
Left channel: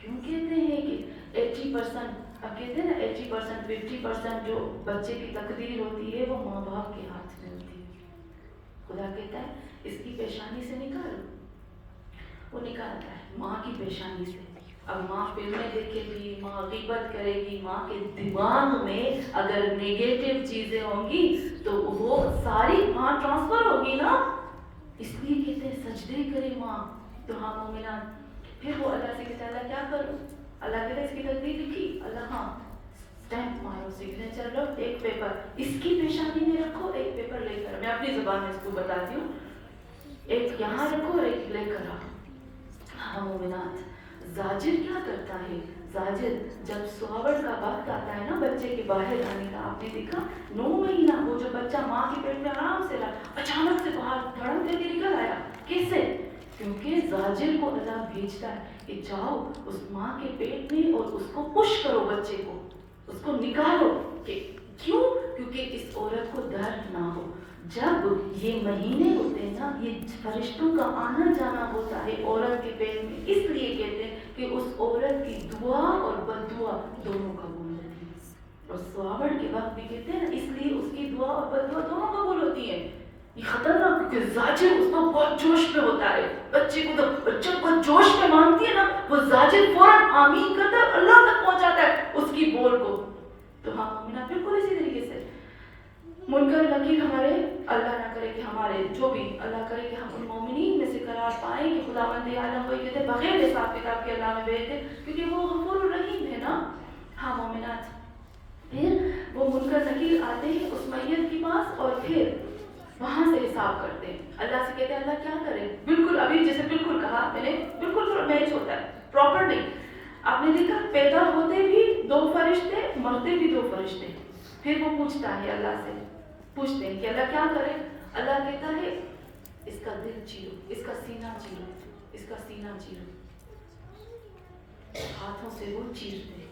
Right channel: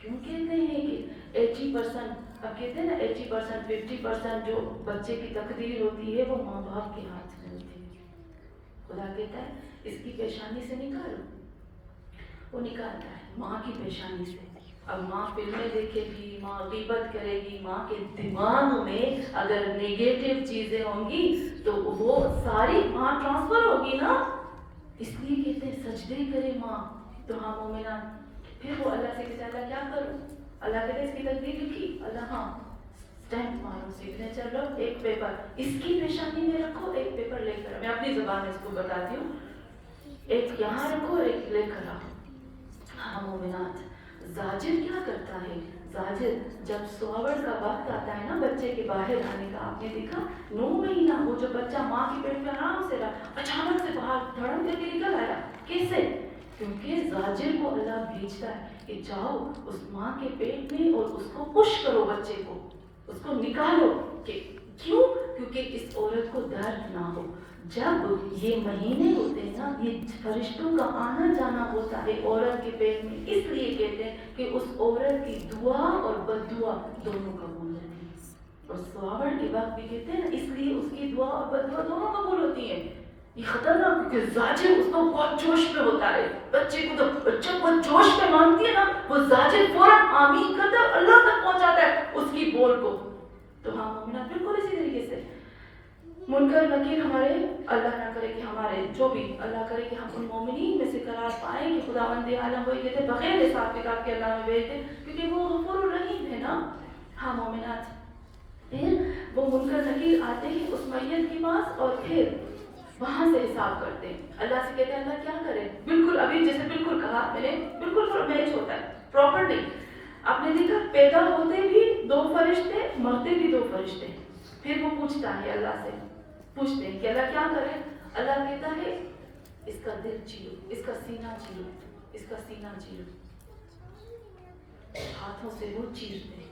کیوں کہتے ہیں کہ 80%، اب کہتے ہیں نا 80% 50% جو بچے کی تقدیر ہوتی ہے وہ ماں باپ کے ہاتھ میں ہوتی ہے۔ خدا کہتا ہے اس کی پیشانی سے نکالو، وہ نکالتا ہے ماں کی پیشانی سے۔ اب ماں فلمیں دیکھے گی، ماں غیبت کرے گی، ماں کے دماغ میں اگر نیگیٹو چیزیں ہوں گی تو وہ ساری ماں ٹرانسفر ہوگی نا، اس لیے کہتے ہیں سجدے کرے ماں۔ تو ہاں مومنان، پھر وہ اللہ سے کہتا ہے اللہ کیا کروں؟ اللہ کہتا ہے اس کی تقدیر لکھی، اللہ ہاں اسٹیمپ مارو، سگنیچر لو، ایک پیپر اس کی پیشانی میں رکھو، ایک پیپر لے کر، میں اپنی زبان میں اس کو بتاتی ہوں، ایک یہاں رکھو اور ایک لے کر آؤ۔ ہاں مومنات، زاجر کیا کرتا ہے؟ زاجر جب سوور کا وقت آتا ہے نا بچے کے باہر آنے کا، آپ نے دیکھا 9 مہینہ وہ جو بچہ ماں کے پیٹ میں آرام سے رہا، اچانک سے باہر دھڑم کر کے نکل آیا، کیسے؟ کیونکہ زاجر کو اللہ بھیجتا ہے کہ جاؤ اس ماں کے پیٹ میں اور اس کو پش کرو، بچے کو اس کو نکالو، کہ کیوں؟ کیونکہ اس عورت کو درد نہ ہو. جب یہ مہینے ہوتے ہیں نا، یہ فرشتوں کا آنا جانا ہوتا ہے عورت کے پیٹ میں، اس لیے کہتے ہیں کہ اس عورت کی دعا اور بد دعا دونوں قبول ہوتی ہیں. اور سواوڑ کے وقت بھی کہتے ہیں نا، اس لیے اس کی دعا اور بد دعا دونوں قبول ہوتی ہیں. یہ خطرناک، کیونکہ زاجر اس کو بہت جوش میں ہوتا ہے. بچے کو تو بچہ بہت جوش میں مانگتی ہے نا، وہ زاجر فوراً آمین کرتا ہے، اللہ تک پہنچاتا ہے اس کی بول کو. تو ہاں مومنات بالکل اسی طریقے سے منکر نکیر ہمارے، اللہ نہ کرے کہ ہمارے جو بھی، اللہ کرے کہ ہم ان مومنین میں سے قرار پائیں کہ خداوند عالم وہی کہتے بغیر حساب کتاب کے اللہ میں بھیج دے، کیونکہ وہ غفور الرحیم ہے نا. ہاں مومنات، پھر وہ منکر نکیر آتے ہیں اس میت کے پاس اور پھر وہاں سے حساب کرتے ہیں. اللہ سے کہتے ہیں اللہ کیا کرے، بالکل ابھی جیسے بالکل کہا میں نے، بالکل میچ ہوتا ہے پراپر نہیں. آپ نے دیکھا پیدا ہوتے بھی 2 فرشتے، مرتے بھی 2 فرشتے. پھر وہ پوچھتا ہے اللہ سے، پوچھتے ہیں کہ اللہ کیا کرے. اللہ کہتا ہے اس کا دل چیرو، اس کا سینہ چیرو، اس کا سینہ چیرو. ہاتھوں سے وہ چیرتے.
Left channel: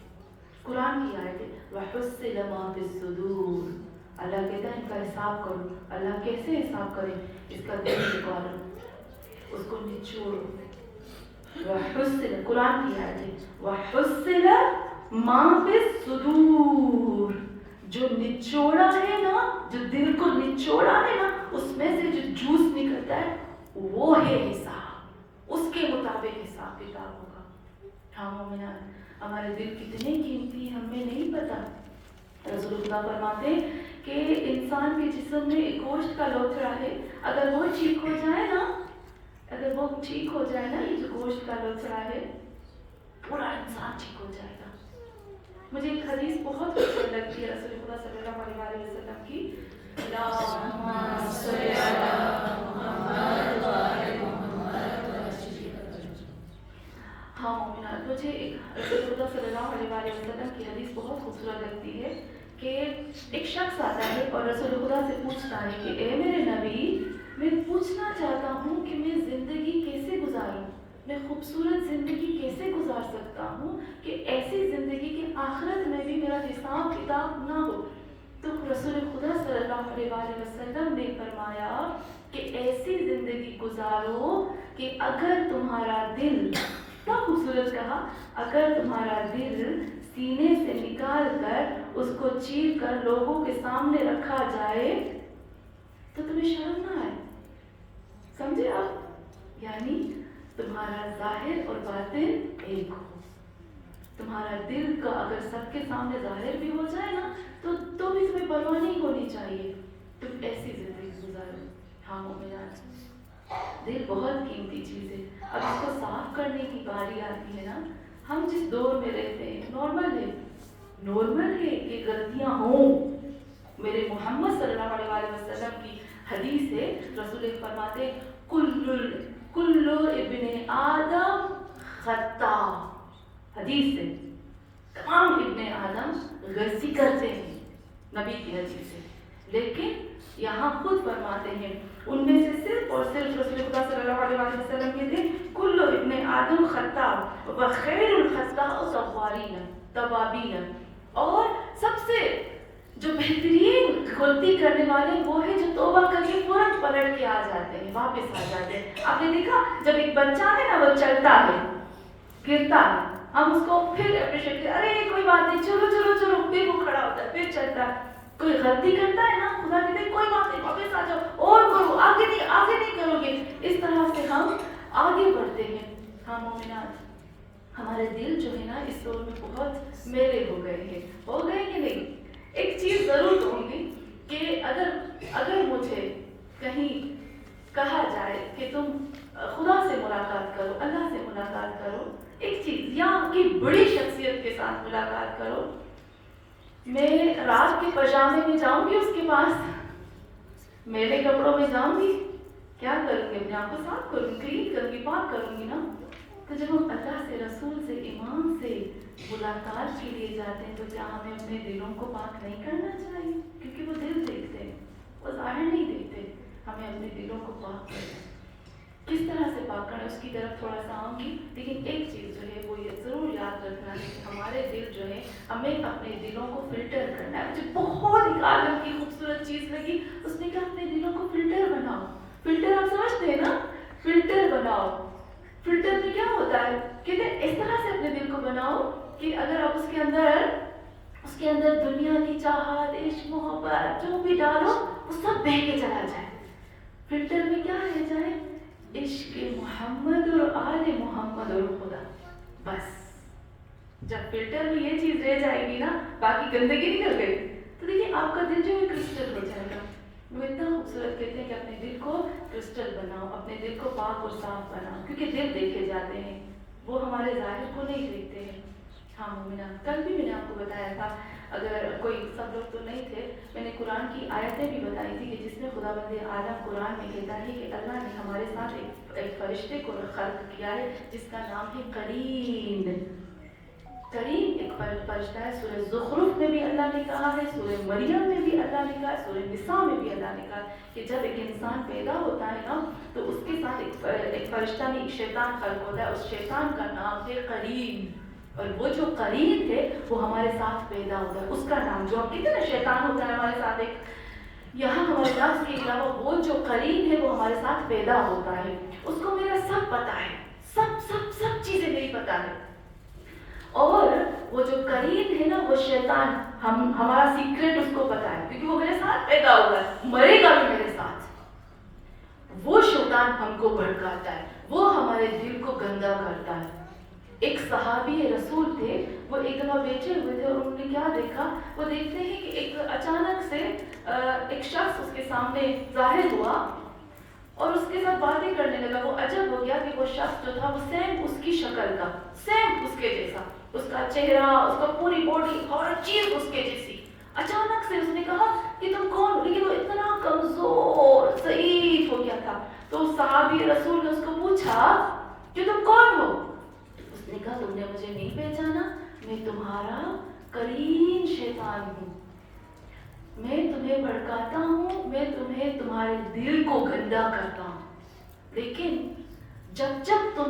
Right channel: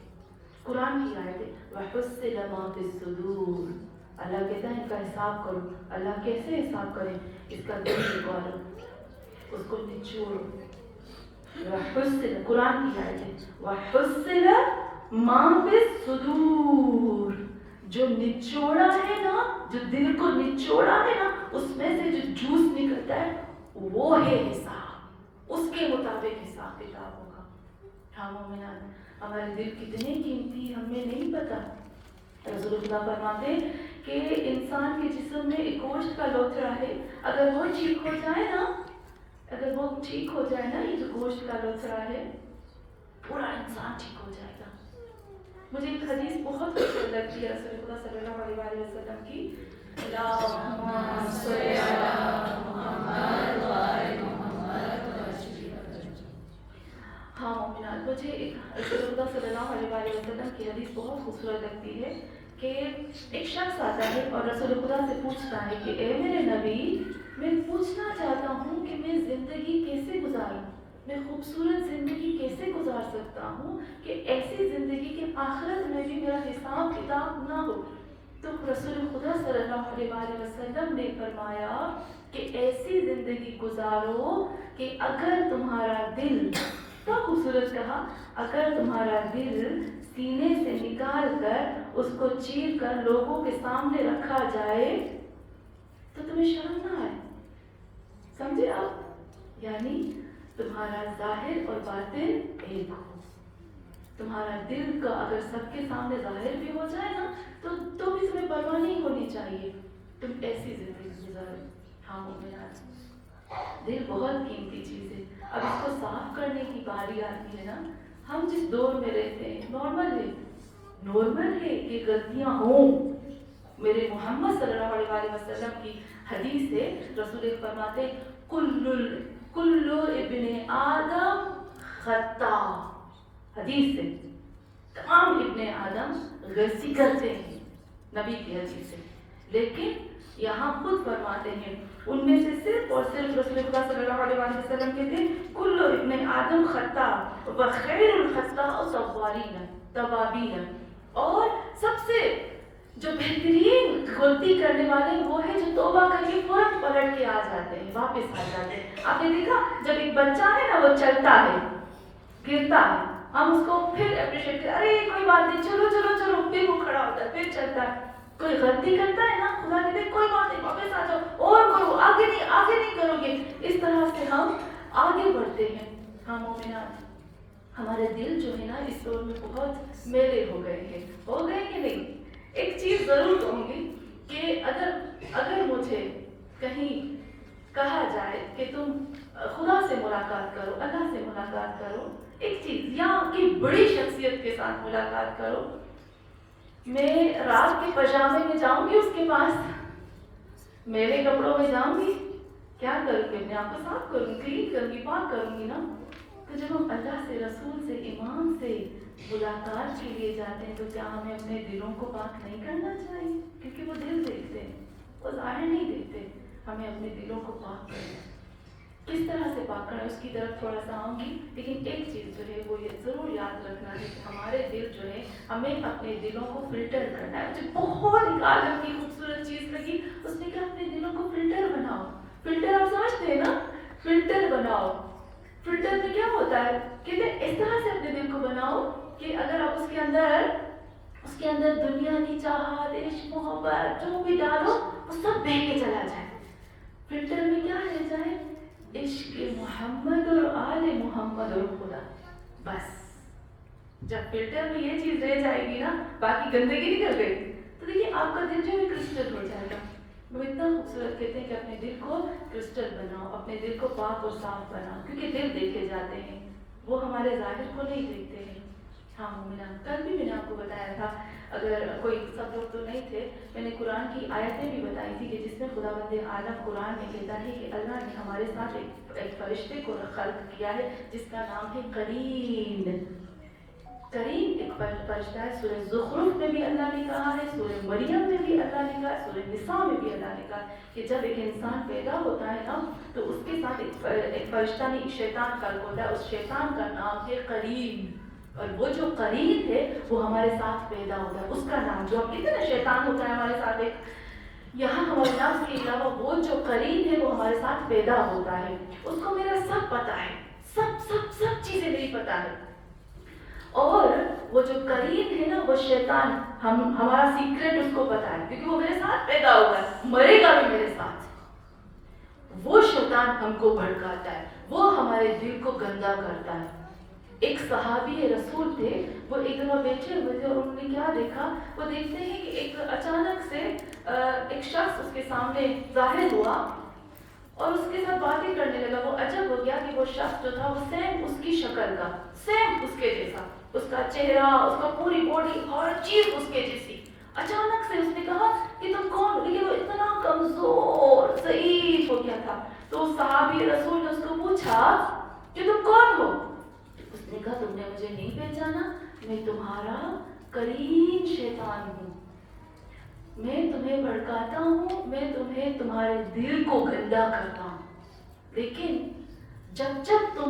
قرآن کی آیت ہے وَحُصِّلَ مَا فِي الصُّدُورِ. اللہ کہتا ہے ان کا حساب کرو. اللہ کیسے حساب کرے؟ اس کا دل نکالو، اس کو نچوڑو. وَحُصِّلَ، قرآن کی آیت ہے وَحُصِّلَ مَا فِي الصُّدُورِ. جو نچوڑا ہے نا، جو دل کو نچوڑا ہے نا، اس میں سے جو جوس نکلتا ہے وہ ہے حساب. اس کے مطابق حساب کتاب ہوگا. ہاں مومنات، ہمارے دل کتنے قیمتی ہیں ہمیں نہیں پتا. رسول خدا فرماتے کہ انسان کے جسم میں ایک گوشت کا لوتھڑا ہے، اگر وہ ٹھیک ہو جائے نا، اگر وہ ٹھیک ہو جائے نا، یہ جو گوشت کا لوتھڑا ہے، پورا انسان ٹھیک ہو جائے گا. مجھے ایک حدیث بہت خوبصورت لگتی ہے رسول خدا صلی اللہ علیہ وسلم کی. اللہم صلی علی محمد وآل محمد. ہاں مومنات، مجھے ایک رسول خدا صلی اللہ علیہ وسلم کی حدیث بہت خوبصورت لگتی ہے کہ ایک شخص آتا ہے اور رسول خدا سے پوچھتا ہے کہ اے میرے نبی، میں پوچھنا چاہتا ہوں کہ میں زندگی کیسے گزاروں، میں خوبصورت زندگی کیسے گزار سکتا ہوں کہ ایسی زندگی کہ آخرت میں بھی میرا حساب کتاب نہ ہو. تو رسول خدا صلی اللہ علیہ وسلم نے فرمایا کہ ایسی زندگی گزارو کہ اگر تمہارا دل، تو خوبصورت کہا، اگر تمہارا دل سینے سے نکال کر اس کو چیر کر لوگوں کے سامنے رکھا جائے تو تمہیں شرم نہ آئے. سمجھے آپ؟ یعنی تمہارا ظاہر اور باطن ایک ہو. تمہارا دل کا اگر سب کے سامنے ظاہر بھی ہو جائے نا تو بھی تمہیں پرواہ نہیں ہونی چاہیے. تم ایسی زندگی گزارو. ہاں مومنات، دل بہت قیمتی چیز ہے. اب اس کو صاف کرنے کی باری آتی ہے نا. ہم جس دور میں رہتے ہیں نارمل ہے کہ غلطیاں ہوں. میرے محمد صلی اللہ علیہ وسلم کی حدیث ہے، رسول فرماتے کل ابن آدم خطا. حدیث سے تمام ابن آدم غلطی کرتے ہیں، نبی کی حدیث سے. لیکن یہاں خود فرماتے ہیں ان میں سے صرف اور صرف رسول خدا صلی اللہ علیہ وسلم کہتے ہیں کل ابن آدم خطا وخیر الخطاء توابین. اور سب سے جو بہترین غلطی کرنے والے وہ ہے جو توبہ کر کے فوراً پلٹ کے آ جاتے ہیں، واپس آ جاتے ہیں. آپ نے دیکھا جب ایک بچہ ہے نا، وہ چلتا ہے، گرتا ہے، ہم اس کو پھر اپریشیٹ کرتے، ارے کوئی بات نہیں، چلو چلو چلو، پھر وہ کھڑا ہوتا ہے، پھر چلتا ہے. کوئی غلطی کرتا ہے نا، خدا کہتے ہیں کوئی بات نہیں، واپس آ جاؤ اور کرو، آگے نہیں کرو گے. اس طرح سے ہم آگے بڑھتے ہیں. ہاں مومنات، ہمارے دل جو ہے نا اس دور میں بہت میلے ہو گئے ہیں. ہو گئے کہ نہیں؟ ایک چیز ضرور کہوں گی کہ اگر مجھے کہیں کہا جائے کہ تم خدا سے ملاقات کرو، اللہ سے ملاقات کرو، ایک چیز یا کی بڑی شخصیت کے ساتھ ملاقات کرو، میں رات کے پجامے میں جاؤں گی اس کے پاس، میرے کپڑوں میں جاؤں گی، کیا کروں گی؟ اپنے آپ کو صاف کروں گی، کلین کروں گی، پاک کروں گی نا. تو جب ہم اللہ سے، رسول سے، امام سے ملاقات کے لیے جاتے ہیں تو کیا ہمیں اپنے دلوں کو پاک نہیں کرنا چاہیے؟ کیونکہ وہ دل دیکھتے ہیں، وہ ظاہر نہیں دیکھتے. ہمیں اپنے دلوں کو پاک کرنا. کس طرح سے پاک واقع ہے اس کی طرف تھوڑا سا آؤں گی، لیکن ایک چیز جو ہے وہ یہ ضرور یاد رکھنا ہے کہ ہمارے دل جو ہے ہمیں اپنے دلوں کو فلٹر کرنا ہے. مجھے بہت ایک عالم کی خوبصورت چیز لگی، اس نے کہا اپنے دلوں کو فلٹر بناؤ. فلٹر آپ سمجھتے ہیں نا، فلٹر بناؤ. فلٹر میں کیا ہوتا ہے، کہتے ہیں اس طرح سے اپنے دل کو بناؤ کہ اگر آپ اس کے اندر دنیا کی چاہت، عشق، محبت جو بھی ڈالو وہ سب بہہ کے چلا جائے. فلٹر میں کیا رہ جائے، عشق محمد اور آل محمد اور خدا. بس جب فلٹر میں یہ چیز رہ جائے گی نا، باقی گندگی نکل گئی، تو دیکھیے آپ کا دل جو ہے کرسٹل ہو جائے گا. وہ اتنا خوبصورت کہتے ہیں کہ اپنے دل کو کرسٹل بناؤ، اپنے دل کو پاک اور صاف بناؤ، کیونکہ دل دیکھے جاتے ہیں، وہ ہمارے ظاہر کو نہیں دیکھتے ہیں. ہاں مومنان، کل بھی میں نے آپ کو بتایا تھا، اگر کوئی سب لوگ تو نہیں تھے، میں نے قرآن کی آیتیں بھی بتائی تھی کہ جس میں خداوند عالم قرآن میں کہتا ہے کہ اللہ نے ہمارے ساتھ ایک فرشتے کو خلق کیا ہے جس کا نام ہے قرین. قرین ایک فرشتہ ہے. سورہ زخرف میں بھی اللہ نے کہا ہے، سورہ مریم میں بھی اللہ نے کہا ہے، سورہ نساء میں بھی اللہ نے کہا ہے کہ جب ایک انسان پیدا ہوتا ہے نا تو اس کے ساتھ ایک فرشتہ نہیں، ایک شیطان خلق ہوتا ہے. اس شیطان کا نام ہے قرین، اور وہ جو قرین ہے وہ ہمارے ساتھ پیدا ہوتا ہے. اس کا نام جو ہم کہتے ہیں نا شیطان ہوتا ہے ہمارے ساتھ، ایک یہاں ہمارے نفس کے علاوہ وہ جو قرین ہے وہ ہمارے ساتھ پیدا ہوتا ہے. اس کو میرا سب پتا ہے، سب چیزیں میری پتا ہے. اور وہ جو قرین ہے نا وہ شیطان، ہمارا سیکرٹ اس کو پتا ہے کیونکہ وہ میرے ساتھ پیدا ہوا ہے، مرے گا بھی میرے ساتھ. وہ شیطان ہم کو بھڑکاتا ہے، وہ ہمارے دل کو گندا کرتا ہے. ایک صحابی رسول تھے، وہ ایک دفعہ بیٹھے ہوئے تھے اور انہوں نے کیا دیکھا، وہ دیکھتے ہیں کہ ایک اچانک سے ایک شخص اس کے سامنے ظاہر ہوا اور اس کے ساتھ باتیں کرنے لگا. وہ عجب ہو گیا کہ وہ شخص جو تھا وہ سیم اس کی شکل کا، سیم اس کے جیسا، اس کا چہرہ، اس کا پوری باڈی، ہر چیز اس کے جیسی. اچانک سے اس نے کہا کہ تم کون ہو، لیکن وہ اتنا کمزور ضعیف ہو گیا تھا. تو اس صحابی رسول نے اس کو پوچھا کہ تم کون ہو. اس نے کہا تم نے مجھے نہیں پہچانا، میں تمہارا قرین شیطان ہوں، میں تمہیں بھڑکاتا ہوں، میں تمہیں تمہارے دل کو گندا کرتا ہوں. لیکن جب تم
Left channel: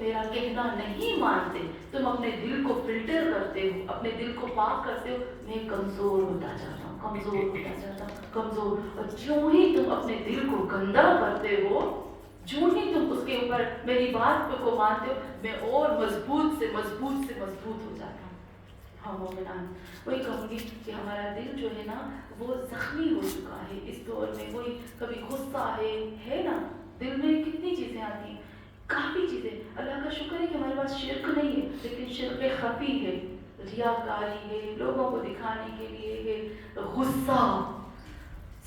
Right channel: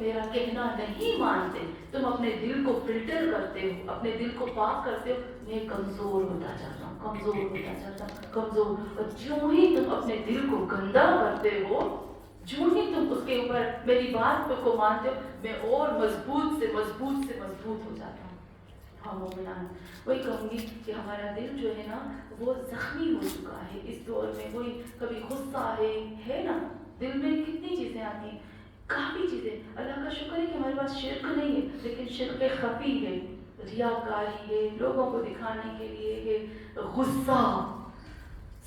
میرا کہنا نہیں مانتے، تم اپنے دل کو فلٹر کرتے ہو، اپنے دل کو پاک کرتے ہو، میں کمزور ہوتا جاتا ہوں، کمزور. اور جو ہی تم اپنے دل کو گندا کرتے ہو، جو ہی تم اس کے اوپر میری بات کو مانتے ہو، میں اور مضبوط سے مضبوط ہو جاتا ہوں. ہاں مومنان، وہی کہوں گی کہ ہمارا دل جو ہے نا وہ زخمی ہو چکا ہے اس دور میں. وہی کبھی غصہ ہے نا، دل میں کتنی چیزیں آتی ہیں، کافی چیزیں. اللہ کا شکر ہے کہ ہمارے پاس شرک نہیں ہے، لیکن شرک خفی ہے، ریاکاری ہے، لوگوں کو دکھانے کے لیے ہے، غصہ.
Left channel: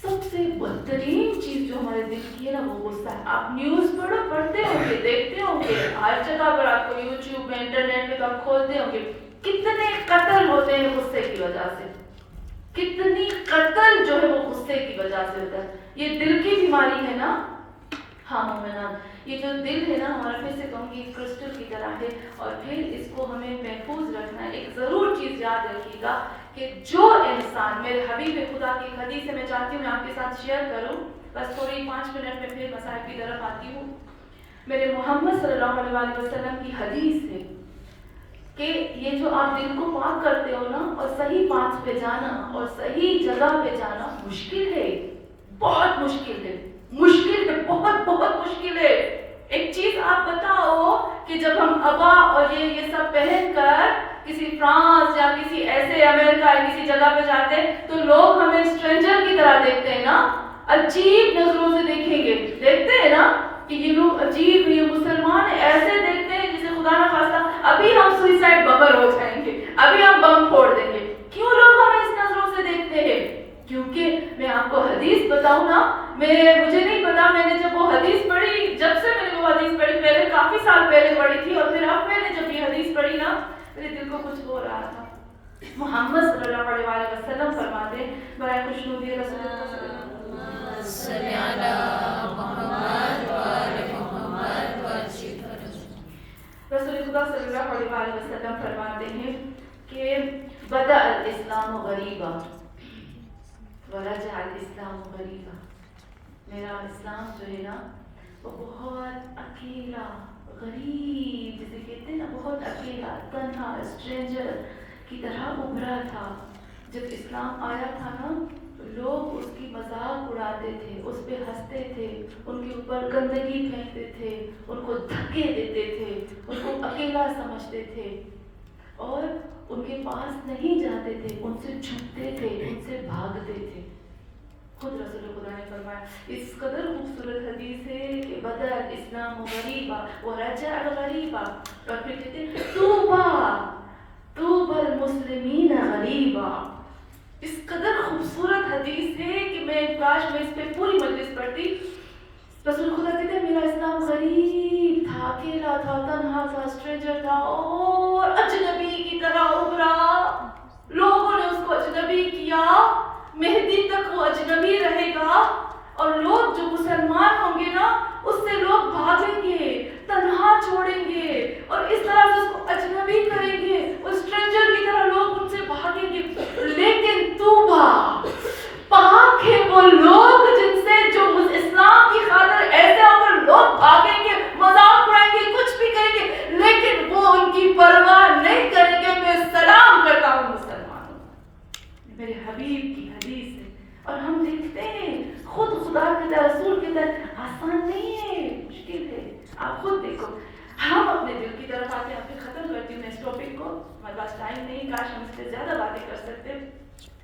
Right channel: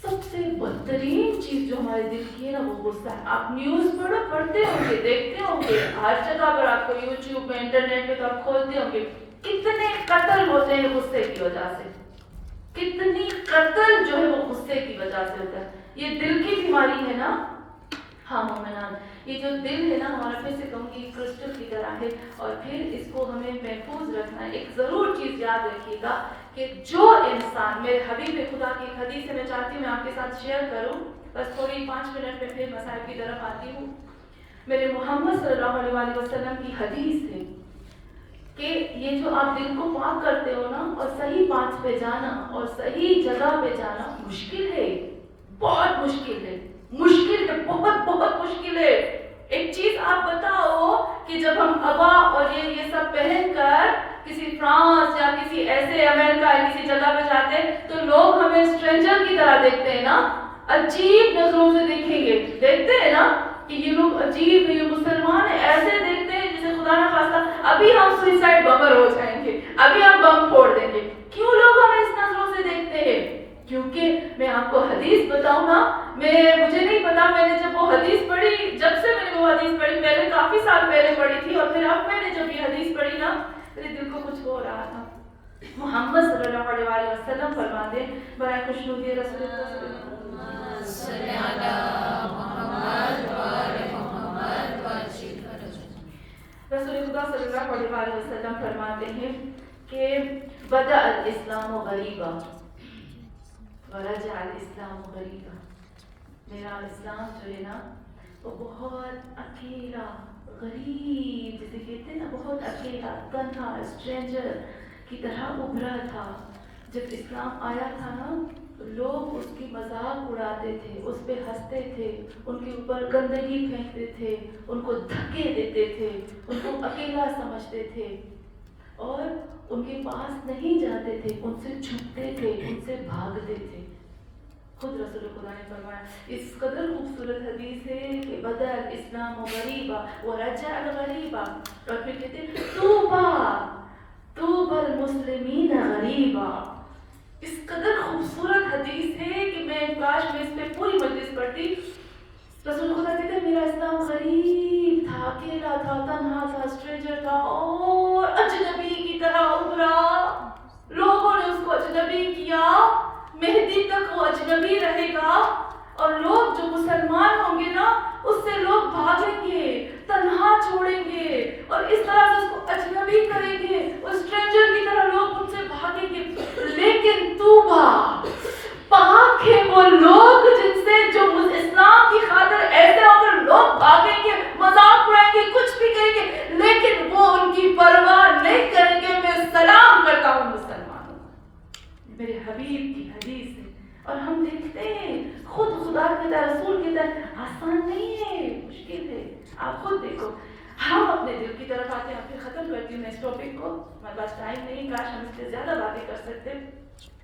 سب سے بدترین چیز جو ہمارے دل کی ہے نا وہ غصہ ہے. آپ نیوز پڑھتے ہوں گے، دیکھتے ہوں گے، ہر جگہ پر آپ کو یوٹیوب میں، انٹرنیٹ میں تو آپ کھولتے ہوں گے، کتنے قتل ہوتے ہیں غصے کی وجہ سے، کتنی قتل جو ہے وہ غصے کی وجہ سے ہوتا ہے. یہ دل کی بیماری ہے نا. ہاں مومنان، یہ جو دل ہے نا ہمارا، پھر سے کہوں گی کرسٹل کی طرح ہے، اور پھر اس کو ہمیں محفوظ رکھنا ہے. ایک ضرور چیز یاد رکھیے گا کہ جو انسان، میرے حبیب خدا کی ایک حدیث ہے، میں چاہتی ہوں میں آپ کے ساتھ شیئر کروں، بس تھوڑی 5 منٹ میں پھر مسائل کی طرف آتی ہوں. میرے محمد صلی اللہ علیہ وسلم کی حدیث ہے کہ یہ جو آپ دل کو پاک کرتے ہو نا، اور صحیح بات پہ جانا اور صحیح جگہ پہ جانا مشکل ہے، بہت مشکل ہے، بہت مشکل ہے. ایک چیز آپ بتاؤ کہ جب ہم ابا اور یہ سب پہن کر کسی فرانس یا کسی ایسے امریکہ یا کسی جگہ پہ جاتے ہیں تو لوگ ہمیں اسٹرینجر کی طرح دیکھتے ہیں نا، عجیب نظروں سے دیکھتے ہیں نا کہ یہ لوگ عجیب، یہ مسلمان ایسے دیکھتے ہیں جسے خدا نہ خواستہ ابھی ہم سوئسائڈ بمر ہو جائیں گے، ابھی ہم بم پھوڑ دیں گے. کیوں لوگ ہمیں اس نظروں سے دیکھتے ہیں؟ کیونکہ میں آپ کو حدیث بتاؤں نا، مجھے نہیں پتا، میں نے جب وہ حدیث پڑھی، جب سے میں نے وہ حدیث پڑھی، پہلے کافی سال پہلے پڑھی تھی، اور پھر اب میں نے جب یہ حدیث پڑھی نا میرے دل کو کچھ ہو رہا تھا. محمد صلی اللہ علیہ وسلم فرماتے ہیں، برائے خوشنودی رسول اللہ صلی اللہ رسول خدا صلی اللہ علیہ وسلم فرماتے ہیں کہ بدأ الاسلام غریبا ورجع الاسلام غریبا. میرا اسلام جو ہے نا وہ بہت اکیلا غریب، جسے کہتے ہیں نا بہت اکیلا تنہا اسٹرینجر کی طرح ابھرا تھا. جب اسلام آیا تھا نا تو لوگ اس کی مذاق اڑاتے تھے، اس پہ ہنستے تھے، ان کے اوپر گندگی پھینکتے تھے، ان کو دھکے دیتے تھے، ان کو اکیلا سمجھتے تھے اور ان کے پاس نہیں جاتے تھے، ان سے چھپتے تھے، ان سے بھاگتے تھے. خود رسول خدا نے فرمایا اس قدر خوبصورت حدیث ہے کہ بدل اسلام غریبا ورجع غریبا، اور پھر کہتے ہیں طوبى المسلمین غریبا. اس قدر خوبصورت حدیث ہے کہ میں کاش میں اس پہ پوری مجلس پڑھتی. رسول خدا کہتے ہیں میرا اسلام غریب تھا، اکیلا تھا، تنہا تھا، اسٹرینجر تھا اور اجنبی کی طرح ابھرا. لوگوں نے اس کو اجنبی کیا، مہدی تک وہ اجنبی رہے گا اور لوگ جو مسلمان ہوں گے نا اس سے لوگ بھاگیں گے، تنہا چھوڑیں گے اور اس طرح سے اس کو اجنبی کریں گے، وہ اسٹرینجر کی طرح لوگ ان سے بھاگیں گے. لیکن توبہ پاک ہے وہ لوگ جن سے جو اسلام کی خاطر ایسے ہو کر لوگ بھاگیں گے، مذاق اڑائیں گے، کچھ بھی کریں گے لیکن وہ ان کی پرواہ نہیں کریں گے. میں سلام کرتا ہوں مسلمانوں، میرے حبیب کی حدیث ہے. اور ہم دیکھتے ہیں خود خدا کی طرح رسول کی طرح آسان نہیں ہے، مشکل ہے. آپ خود دیکھو، ہم اپنے دل کی طرف آتے ہیں. پھر ختم کرتی ہوں میں اس ٹاپک کو، ہمارے پاس ٹائم نہیں، کاش ہم اس سے زیادہ باتیں کر سکتے.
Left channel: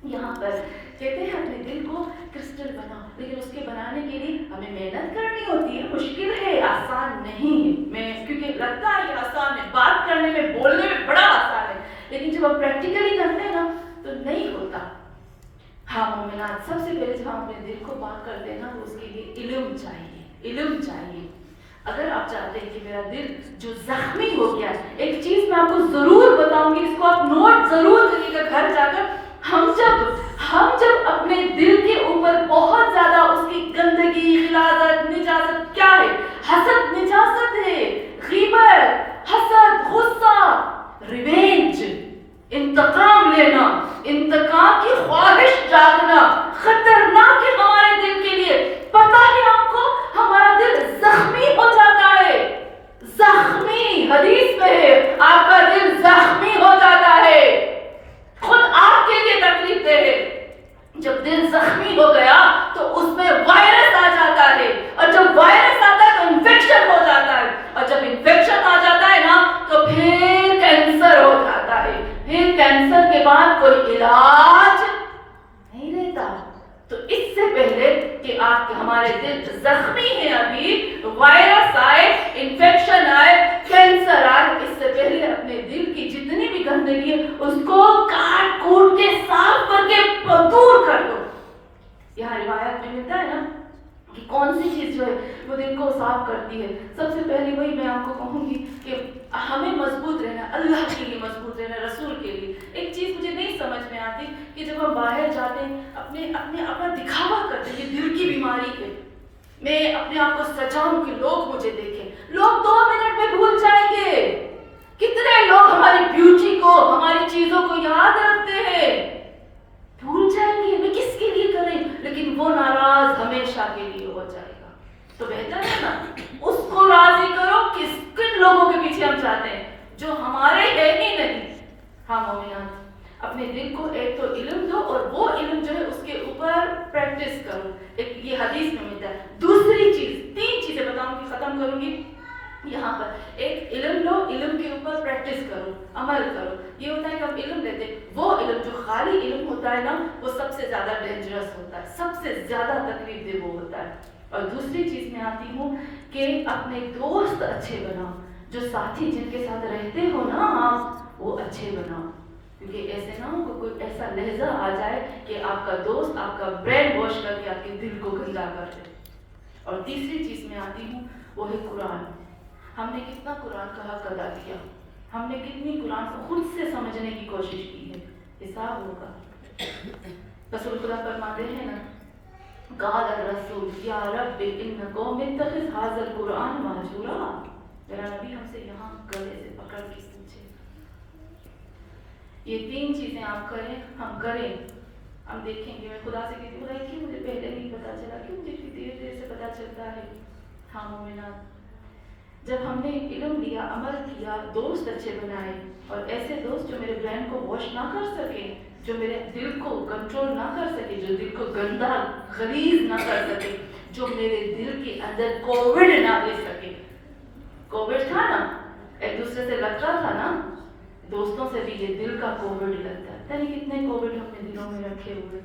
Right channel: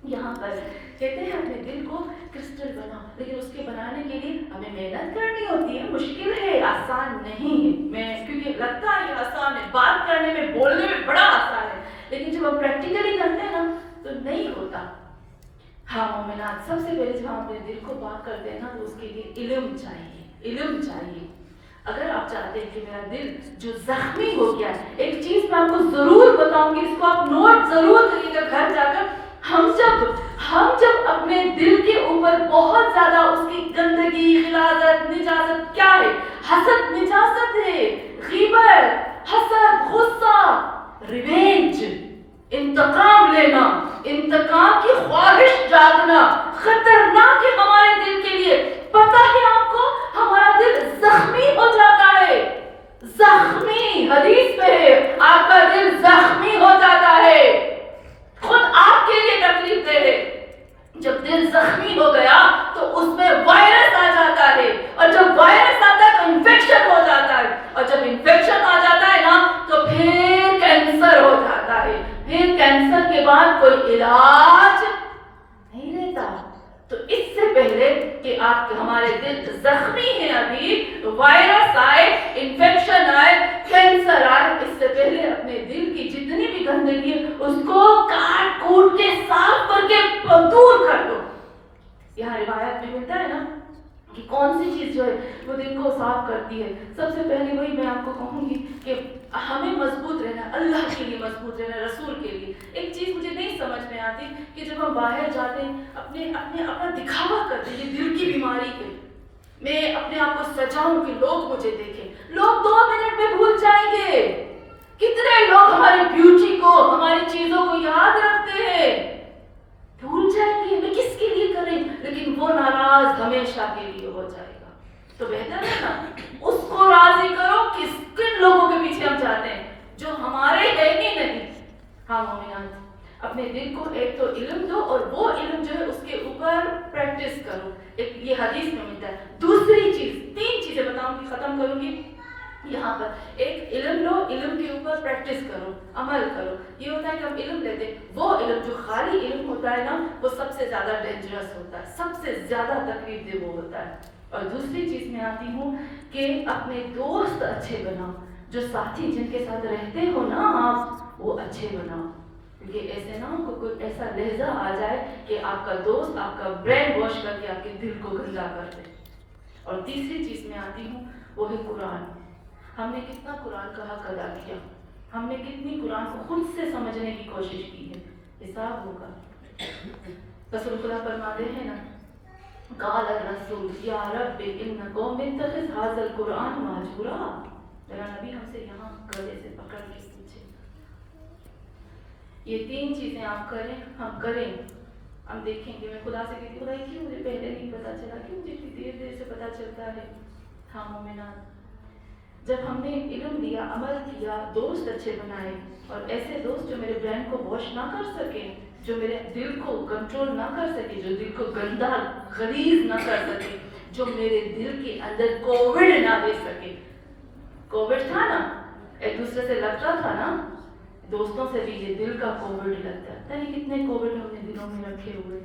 یہاں پر کہتے ہیں اپنے دل کو کرسٹل بناؤ، لیکن اس کے بنانے کے لیے ہمیں محنت کرنی ہوتی ہے، مشکل ہے، آسان نہیں ہے. میں کیونکہ لگتا ہے یہ آسان ہے، بات کرنے میں بولنے میں بڑا آسان ہے، لیکن جب ہم پریکٹیکلی کرتے ہیں نا تو نہیں ہوتا. ہاں مومنات، سب سے پہلے جب ہم اپنے دل کو پاک کرتے ہیں نا تو اس کے لیے علم چاہیے، علم چاہیے. اگر آپ چاہتے ہیں کہ میرا دل جو زخمی ہو گیا ہے، ایک چیز میں آپ کو ضرور بتاؤں گی، اس کو آپ نوٹ ضرور کریے گا گھر جا کر. ہم جب اپنے دل کے اوپر بہت زیادہ اس کی گندگی، غلاظت، نجاست، کیا ہے؟ حسد نجاست ہے، غیبت، حسد، غصہ، ریونج، انتقام لینا، انتقام کی خواہش جاگنا خطرناک ہے ہمارے دل کے لیے. پتہ ہے آپ کو ہمارا دل زخمی ہو جاتا ہے، زخمی، حدیث میں ہے آپ کا دل زخمی ہو جاتا ہے. خود آپ کے لیے تکلیف دہ ہے. جب دل زخمی ہو گیا تو اس میں وائرس آ جاتا ہے، اور جب وائرس آتا ہے تو انفیکشن ہو جاتا ہے، اور جب انفیکشن آ جاتا ہے نا تو پھر کینسر ہو جاتا ہے. پھر کینسر کے بعد کوئی علاج نہیں رہتا. تو اس سے پہلے کہ آپ کے ہمارے دل زخمی ہیں، ابھی وائرس آئے، انفیکشن آئے، کینسر آئے، اس سے پہلے اپنے دل کی جتنی بھی گندگی ہے اس کو کاٹ کوٹ کے صاف کر کے دور کر دو. یہاں روایت میں ملتا ہے نا کہ کون سی چیز جو ہے وہ دل کو صاف کرتی ہے. سب سے پہلے وہی میں آپ کو کہوں گی کہ ہمیں مضبوط رہنا، اللہ کے لیے مضبوط رہنا، رسول کے لیے. ایک چیز مجھے نہیں سمجھ میں آتی کہ جب ہم باہر جاتے ہیں اپنا دکھاوا کرتے ہیں، یہ دل کی بیماری ہے. میں اپنے آپ کو سجاؤں کہ لوگ مجھے دیکھیں، لوگ 2 منٹ میں بھول جائیں گے. کتنے لوگ ہماری بیوٹی کو، ہماری چیزوں کو یاد رکھتے ہیں، بھول جائیں گے. میں کس کے لیے کریں، لیکن وہ ناراض ہمیشہ کے لیے ہو جائے گا. تو بہتر ہے نا اس کو راضی کرو. کن لوگوں کے پیچھے ہم چاہتے ہیں جو ہمارے ہے ہی نہیں. ہاں مومنات، اپنے دل کو ایک تو علم دو، اور وہ علم جو ہے اس کے اوپر پریکٹس کرو. ایک یہ حدیث میں ملتا ہے. دوسری چیز، 3 چیزیں بتاؤں گی، ختم کروں گی یہاں پر. ایک علم لو، علم کے اوپر پریکٹس کرو، عمل کرو. یہ ہوتا ہے کہ ہم علم لیتے ہیں، وہ علم جو خالی علم ہوتا ہے نا وہ سب سے زیادہ ڈینجرس ہوتا ہے، سب سے زیادہ تکلیف دہ وہ ہوتا ہے. اور دوسری چیز میں آتی ہوں کہ اپنے دوست اچھے بناؤ، جو ساتھی جن کے ساتھ رہتے ہو نا آپ وہ اچھے بناؤ. کیونکہ ایسے نہ ہو کوئی ایسا لہجہ آ جائے کہ آپ کا دوست آپ کا برین واش کر کے آپ کے دل کو گندا کر دے. اور تیسری چیز میں آتی ہوں وہ ہے قرآن. ہم نے کتنا قرآن کا حق ادا کیا، ہم نے کتنی قرآن کو خود سے سمجھنے کی کوشش کی ہے. حساب ہوگا. رسول خدا فرماتے ہیں نا، قال الرسول یا رب ان قوم اتخذ هذا القرآن مہجورا. میرا نبی ہم سے یہاں گلے سے پکڑ کے پوچھے یہ 3 چیزیں آپ کریں، ہم کریں، ہم دیکھیں گے. میں خدا سے کہتی خدا کیوں مجھے پہلے نہیں پتا چلا، کیوں مجھے اتنی دیر سے پتا چلتا ہے. ہاں مومنات، جب ہم نے علم لیا، عمل کیا، دوست اچھے بنائے، اور ایسے دوست جو میرے برین کو واش نہ کر سکے، جو میرے دل کو کنٹرول نہ کر سکے، جو دل کو گندا غلیظ نہ کر سکے، جو میرے دل کے اندر کووڈ نہ دے سکے. کووڈ تھا نا، ایک دوسرے سے لگتا تھا نا، دوستوں سے بھی یہ دل کا کووڈ لگتا ہے. پتہ نہیں کتنے کووڈ ہم نے دلوں میں رکھے ہوئے.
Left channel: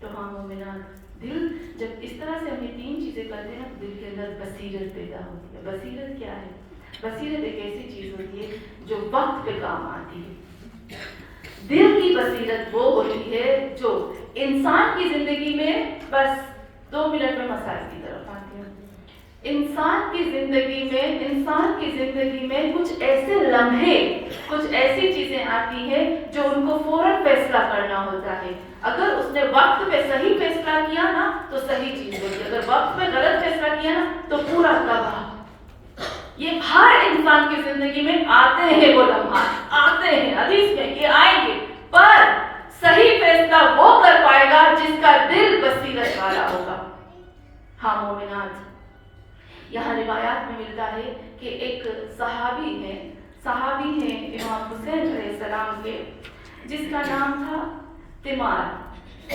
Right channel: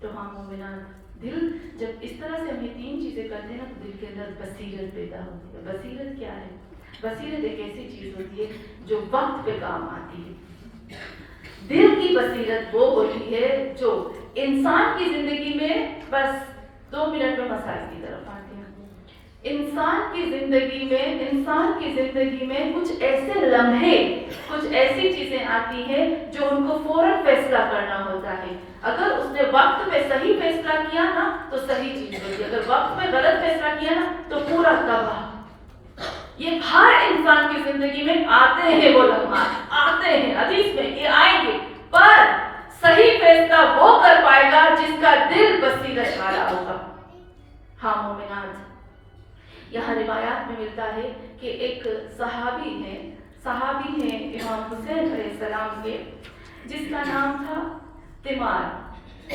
تو ہاں مومنات، دل جب اس طرح سے ہم یہ 3 چیزیں کرتے ہیں نا، تو دل کے اندر بصیرت پیدا ہوتی ہے. بصیرت کیا ہے؟ بصیرت ایک ایسی چیز ہوتی ہے جو وقت پہ کام آتی ہے. دل کی بصیرت وہ ہوتی ہے جو انسان کی زندگی میں بس 2 منٹ میں مسائل کی طرف آتے ہیں. انسان کی زندگی میں کچھ ایسے لمحے، کچھ ایسی چیزیں آتی ہیں جو ان کو فوراً فیصلہ کرنا ہوتا ہے. اگر اس نے وقت پہ صحیح فیصلہ کیا نا تو صحیح چیز ہوتی ہے، اگر وقت پہ غلط فیصلہ کیا نا تو پورا تباہ. یہ ہر انسان کی زندگی میں آتے ہیں، وہ لمحات آتے ہیں، حدیث میں یہ آئیں گے، پر صحیح فیصلہ وہ کر پائے گا جس کا دل بصیرت والا ہوگا. ہاں مومنات، یہاں روایات میں ملتا ہے کہ ایک صحابی ہیں امام حسین علیہ السلام کے، جس کا نام تھا تیمار.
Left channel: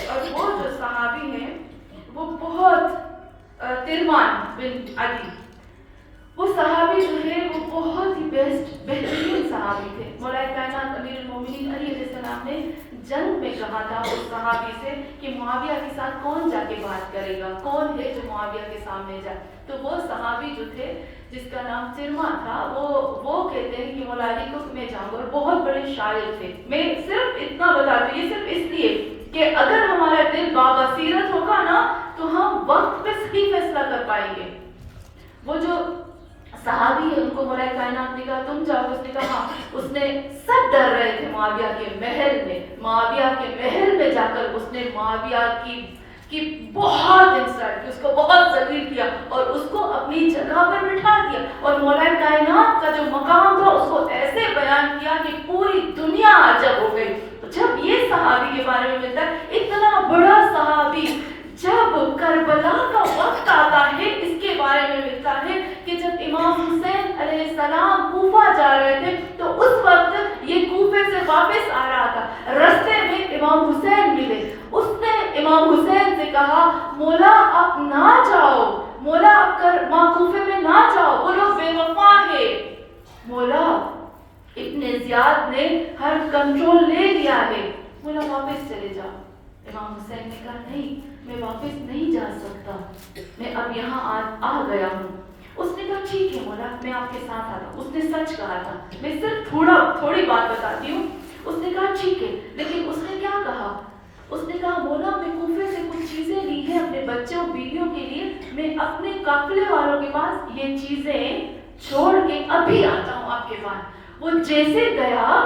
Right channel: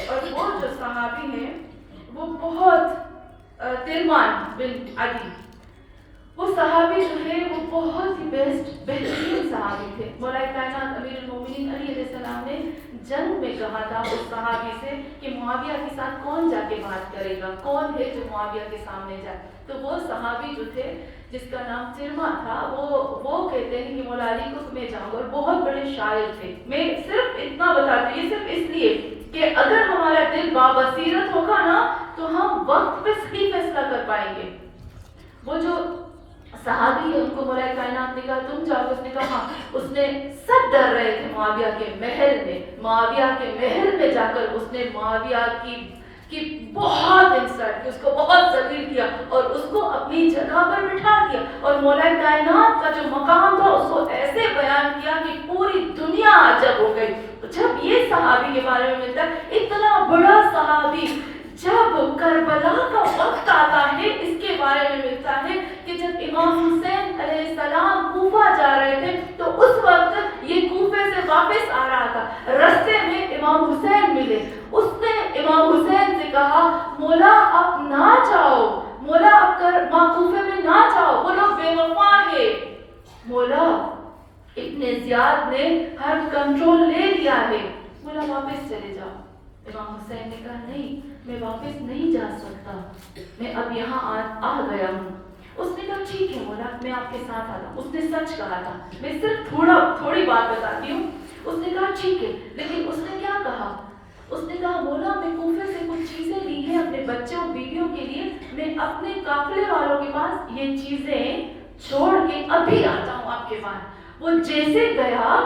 اور وہ جو صحابی ہیں وہ بہت ترمان بن عدی، وہ صحابی جو ہے وہ بہت ہی بہترین صحابی تھے. مولا کائنات امیر المومنین علی علیہ السلام نے جنگ میں کہا تھا اس صحابی سے کہ معاویہ کے ساتھ کون جا کے بات کرے گا، کون ہے جو معاویہ کے سامنے جائے. تو وہ صحابی جو تھے جس کا نام چرما تھا، وہ کہتے ہیں کہ مولا علی کو میں جاؤں گا، اور بہت بڑے شاعر تھے. میں صرف اتنا بتاتی ہوں، یہ صرف اس لیے کہ اگر ہمارا دل بابصیرت ہوگا نا تو ہم وقت پہ صحیح فیصلہ کر پائیں گے. وہ جو صحابی ہے ان کو مولا کائنات نے کہا تم جاؤ، اس نے کہا ہاں. اس نے سب ڈر رہے تھے معاویہ کے محل میں جا کر اس نے معاویہ کی بہت انسلٹ کی، اس کو بہت ذلیل کیا اور اس کو اپنی جگہ پر بٹھا دیا، اور مولا کائنات کا جو مقام تھا اس کو ایسے بیان کیا کہ پوری دنیا عجب ہو گئی. جب یہ صحابی کے بارے میں ملتا ہے، اتنا بڑا صحابی، جب کربلا کا وقت آتا ہے اس کے بارے میں ملتا ہے کہ جب امام حسین علیہ السلام کوفہ جا رہے تھے تو اس وقت یہ کوفے سے واپس آ رہا تھا، رستے میں امام حسین ملے. اس نے امام حسین سے کہا مولا اب نہ جاؤ، مولا اب کوفے میں نہ جاؤ، وہ لوگ بے وفا ہے. مولا ابن زیاد نے ہر کنٹرول لے لیا ہے، مولا واپس چلے جاؤ. امام حسین نے کہا نہیں، میں واپس نہیں جا سکتا، میں اب یہاں آ گیا ہوں. اس نے کہا ٹھیک ہے مولا، میں آپ کے ساتھ آتا ہوں. اس نے سچ کہا تھا، میں صرف تھوڑی بات بتاتی ہوں. اس نے کہا ٹھیک ہے، لیکن اس نے کیا کہا؟ اس نے کہا مولا میں کوفے سے کچھ چیزیں لی ہیں اپنے بچوں بیویوں کے لیے، میں اپنے قافلے والوں کے پاس یہ چیزیں چھوڑ کے ابھی آتا ہوں آپ کے پاس. وہ جیسے گیا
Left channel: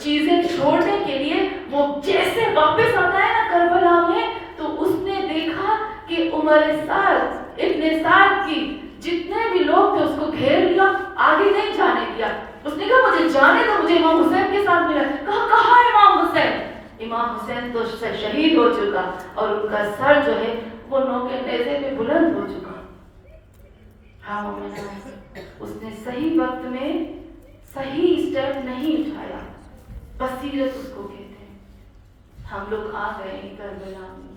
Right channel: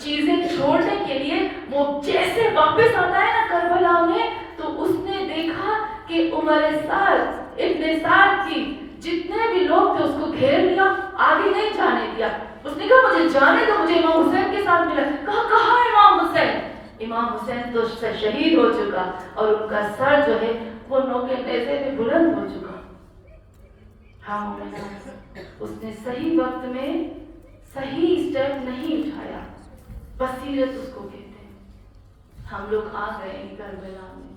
چیزیں چھوڑنے کے لیے، وہ جیسے واپس آتا ہے نا کربلا میں، تو اس نے دیکھا کہ عمر سعد ابن سعد کی جتنے بھی لوگ تھے اس کو گھیر لیا، آگے نہیں جانے دیا. اس نے کہا مجھے جانے دو، مجھے امام حسین کے ساتھ ملا. کہاں امام حسین؟ امام حسین تو شہید ہو چکا اور ان کا سر جو ہے وہ نوکے نیزے میں بلند ہو چکا. ہاں اس نے صحیح وقت میں صحیح اسٹیپ نہیں اٹھایا. بصیرت اس کو کہتے ہیں. ہم لوگ آ گئے ہیں کربلا میں،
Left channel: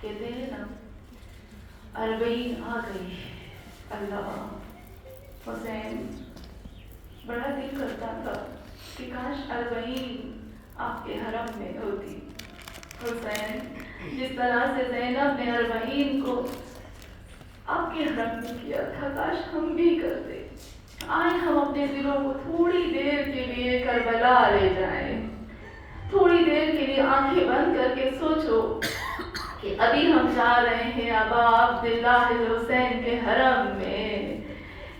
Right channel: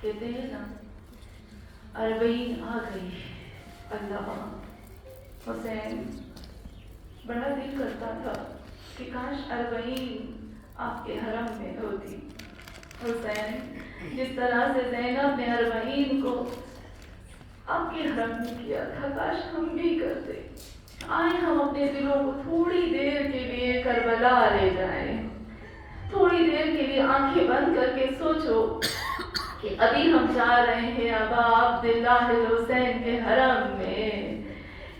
کہتے ہیں نا اربعین آ گئی. اللہ حسین، بڑا دل کرتا تھا کہ کاش اربعین آپ کے حرم میں ہوتی. حسین، جس طرح سے زینب نے اربعین کو آپ کے حرم میں کیا تھا، کاش ہم بھی کرتے. آئے ہم اپنے دلوں کو تھوڑی دیر کے لیے کربلا لے جائیں. تھوڑی دیر کے لیے آنکھیں بند کر کے سوچو کہ ابھی ہم جا رہے ہیں ابا عبداللہ حسین کے حرم میں.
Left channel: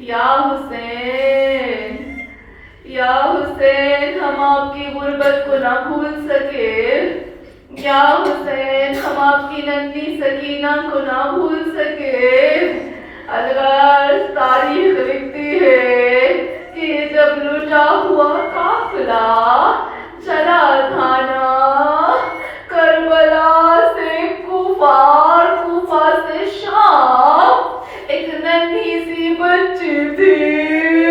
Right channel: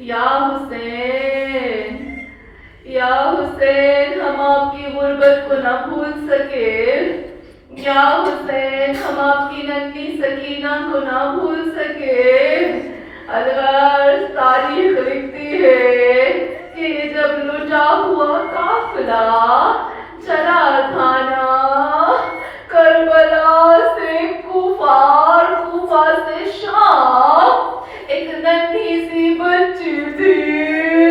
یا حسین، یا حسین، ہم آپ کی غربت کو نہ بھول سکے. یا حسین، ہم آپ کی ننھی سکینہ کو نہ بھول سکے. اگر تاریخ لکھتی ہے کہ جب لٹا ہوا قافلہ چلا تھا نا کربلا سے کوفہ سے شام، ایک ننھی سی بچی تھی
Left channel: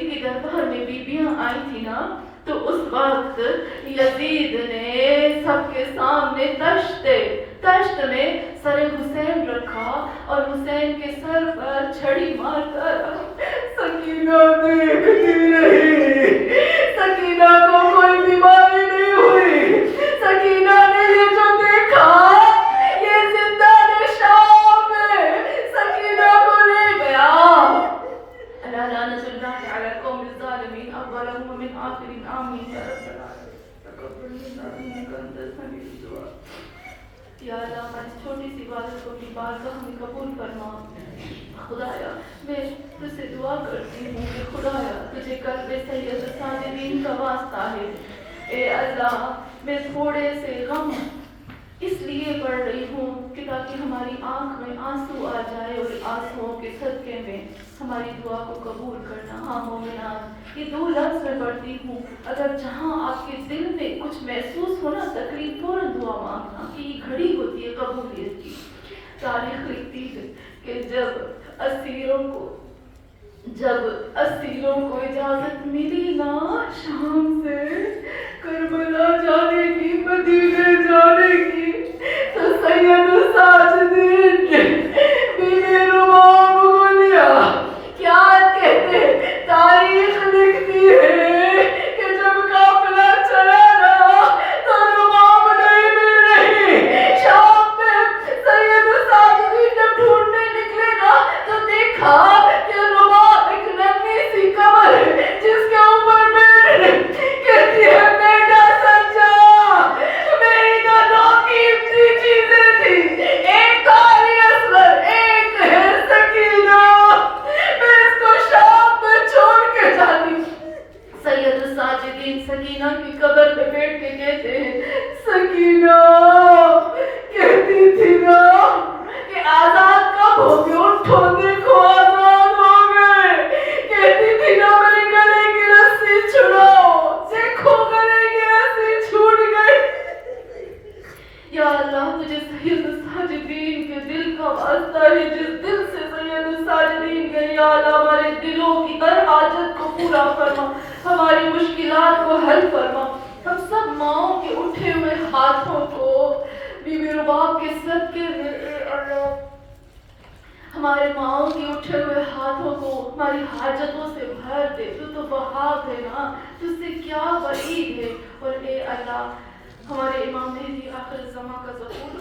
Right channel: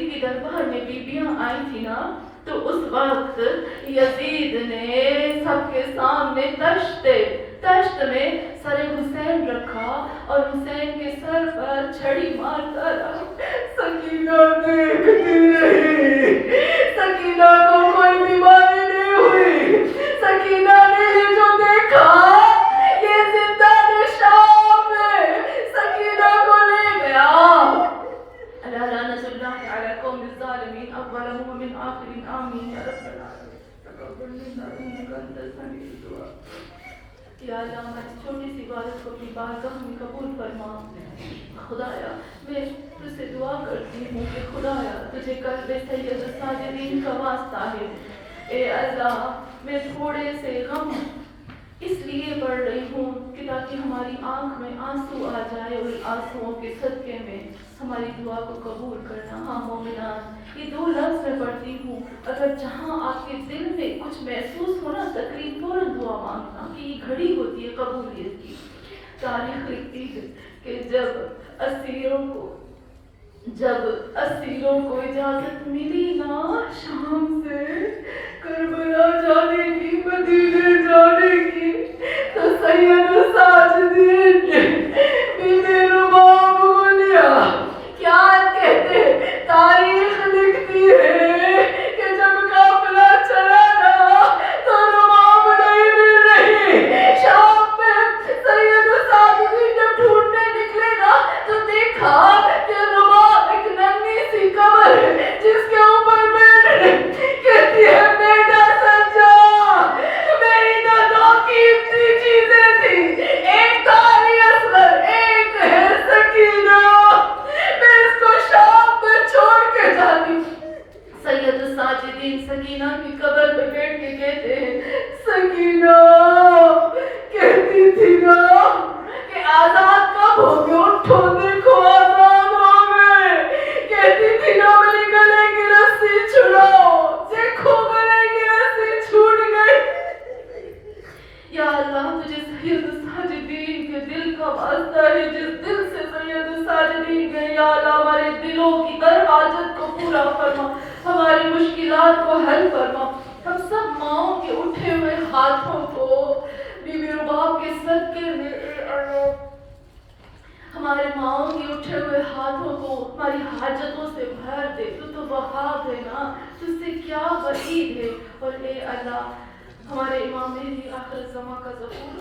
یزید کی دربار میں بیویاں آئی تھی نا، تو اس وقت یزید نے سب کے سامنے تشت میں سر حسین رکھا اور حسین کے سر پر چھڑی مار کر سکینہ دیکھتی رہی۔ سکینہ کو کوئی بیماری نہیں ہوئی، سکینہ نے یہ جو دیکھا یہ زندان شام میں سکینہ کو لے گیا۔ اللہ لعنت اللہ علی قوم الظالمین اولهم ومن آخرهم آمین یا رب العالمین۔ تقبل منا انک انت السمیع الدعاء۔ یا اللہ ہماری چھوٹی سی عبادت کو اپنی بارگاہ میں قبول فرما۔ خدایا میں تجھ سے دعا کرتی ہوں کہ خدایا تجھے قلب سید ساجدین کا واسطہ ہے، اے اللہ میں تھوڑے سے غم اس لیے پڑھ رہی ہوں کہ تاکہ ہماری آنکھ میں آنسو آ جائے اور آنسوؤں کے صدقے میں ہماری دعا کو قبول کرنا۔ ہاں مومنان یہ 2 لفظ میں پڑھتی ہوں، اگر جہاں آپ کے دل میں کچھ محسوس ہونا تکلیف فوراً دعا مانگنا، کہ یہ گھڑی ہوتی ہے قبولیت کی۔ تاریخ لکھتی ہے کہ جب اسیروں کو اجازت ملی نا شام سے کربلا جانے کی، مدینے جانے کی، تو سید ساجدین نے بیوی رباب کو لیا۔ کیا کہتے تاریخ لکھتی ہے کہ جب قافلہ چلا نا تو رباب نہیں مل رہی۔ شام میں سید ساجدین جب ڈھونڈنے نکلے نا تو دیکھا کہ رباب ایک ننھی سی قبر ہے جس کے اوپر کہتی ہے بیٹا سجا میری تو 2 قیمتی چیزیں تھی، ایک تو علی اصغر، ایک ہے سکینہ، میں اس کو شام میں چھوڑ کے جاتی۔ سید ساجدین سکینہ کی قبر پہ بیٹھ کے کہتے ہیں سکینہ کہتی تھی نا کہ آزاد کب ہو گئے، اٹھو دیکھو آزاد ہو گئے، کہتی تھی نا میرے گلے کی رسی چھڑاؤ، دیکھو گلے کی رسی چھوٹ گئی۔ یا اللہ تجھے سید ساجدین کے دل کا واسطہ ہے، جس دل سے سید ساجدین گئے، یا اللہ ہمارے دلوں کی ہر حاجت کو پورا فرما، ہماری مشکلات کو حل فرما۔ ہم سب ماؤں کے اٹھے ہوئے ہاتھوں کو بیوی رباب کے صدقے میں اے اللہ ہمارے ماؤں کی اٹھے ہوئے ہاتھوں کو ہماری حاجتوں سے بھر دے۔ تو وہاب ہے نا، تجھ سے کیا بعید ہے۔ اور اے اللہ ہمارے امام مہدی آخر الزمان کا ظہور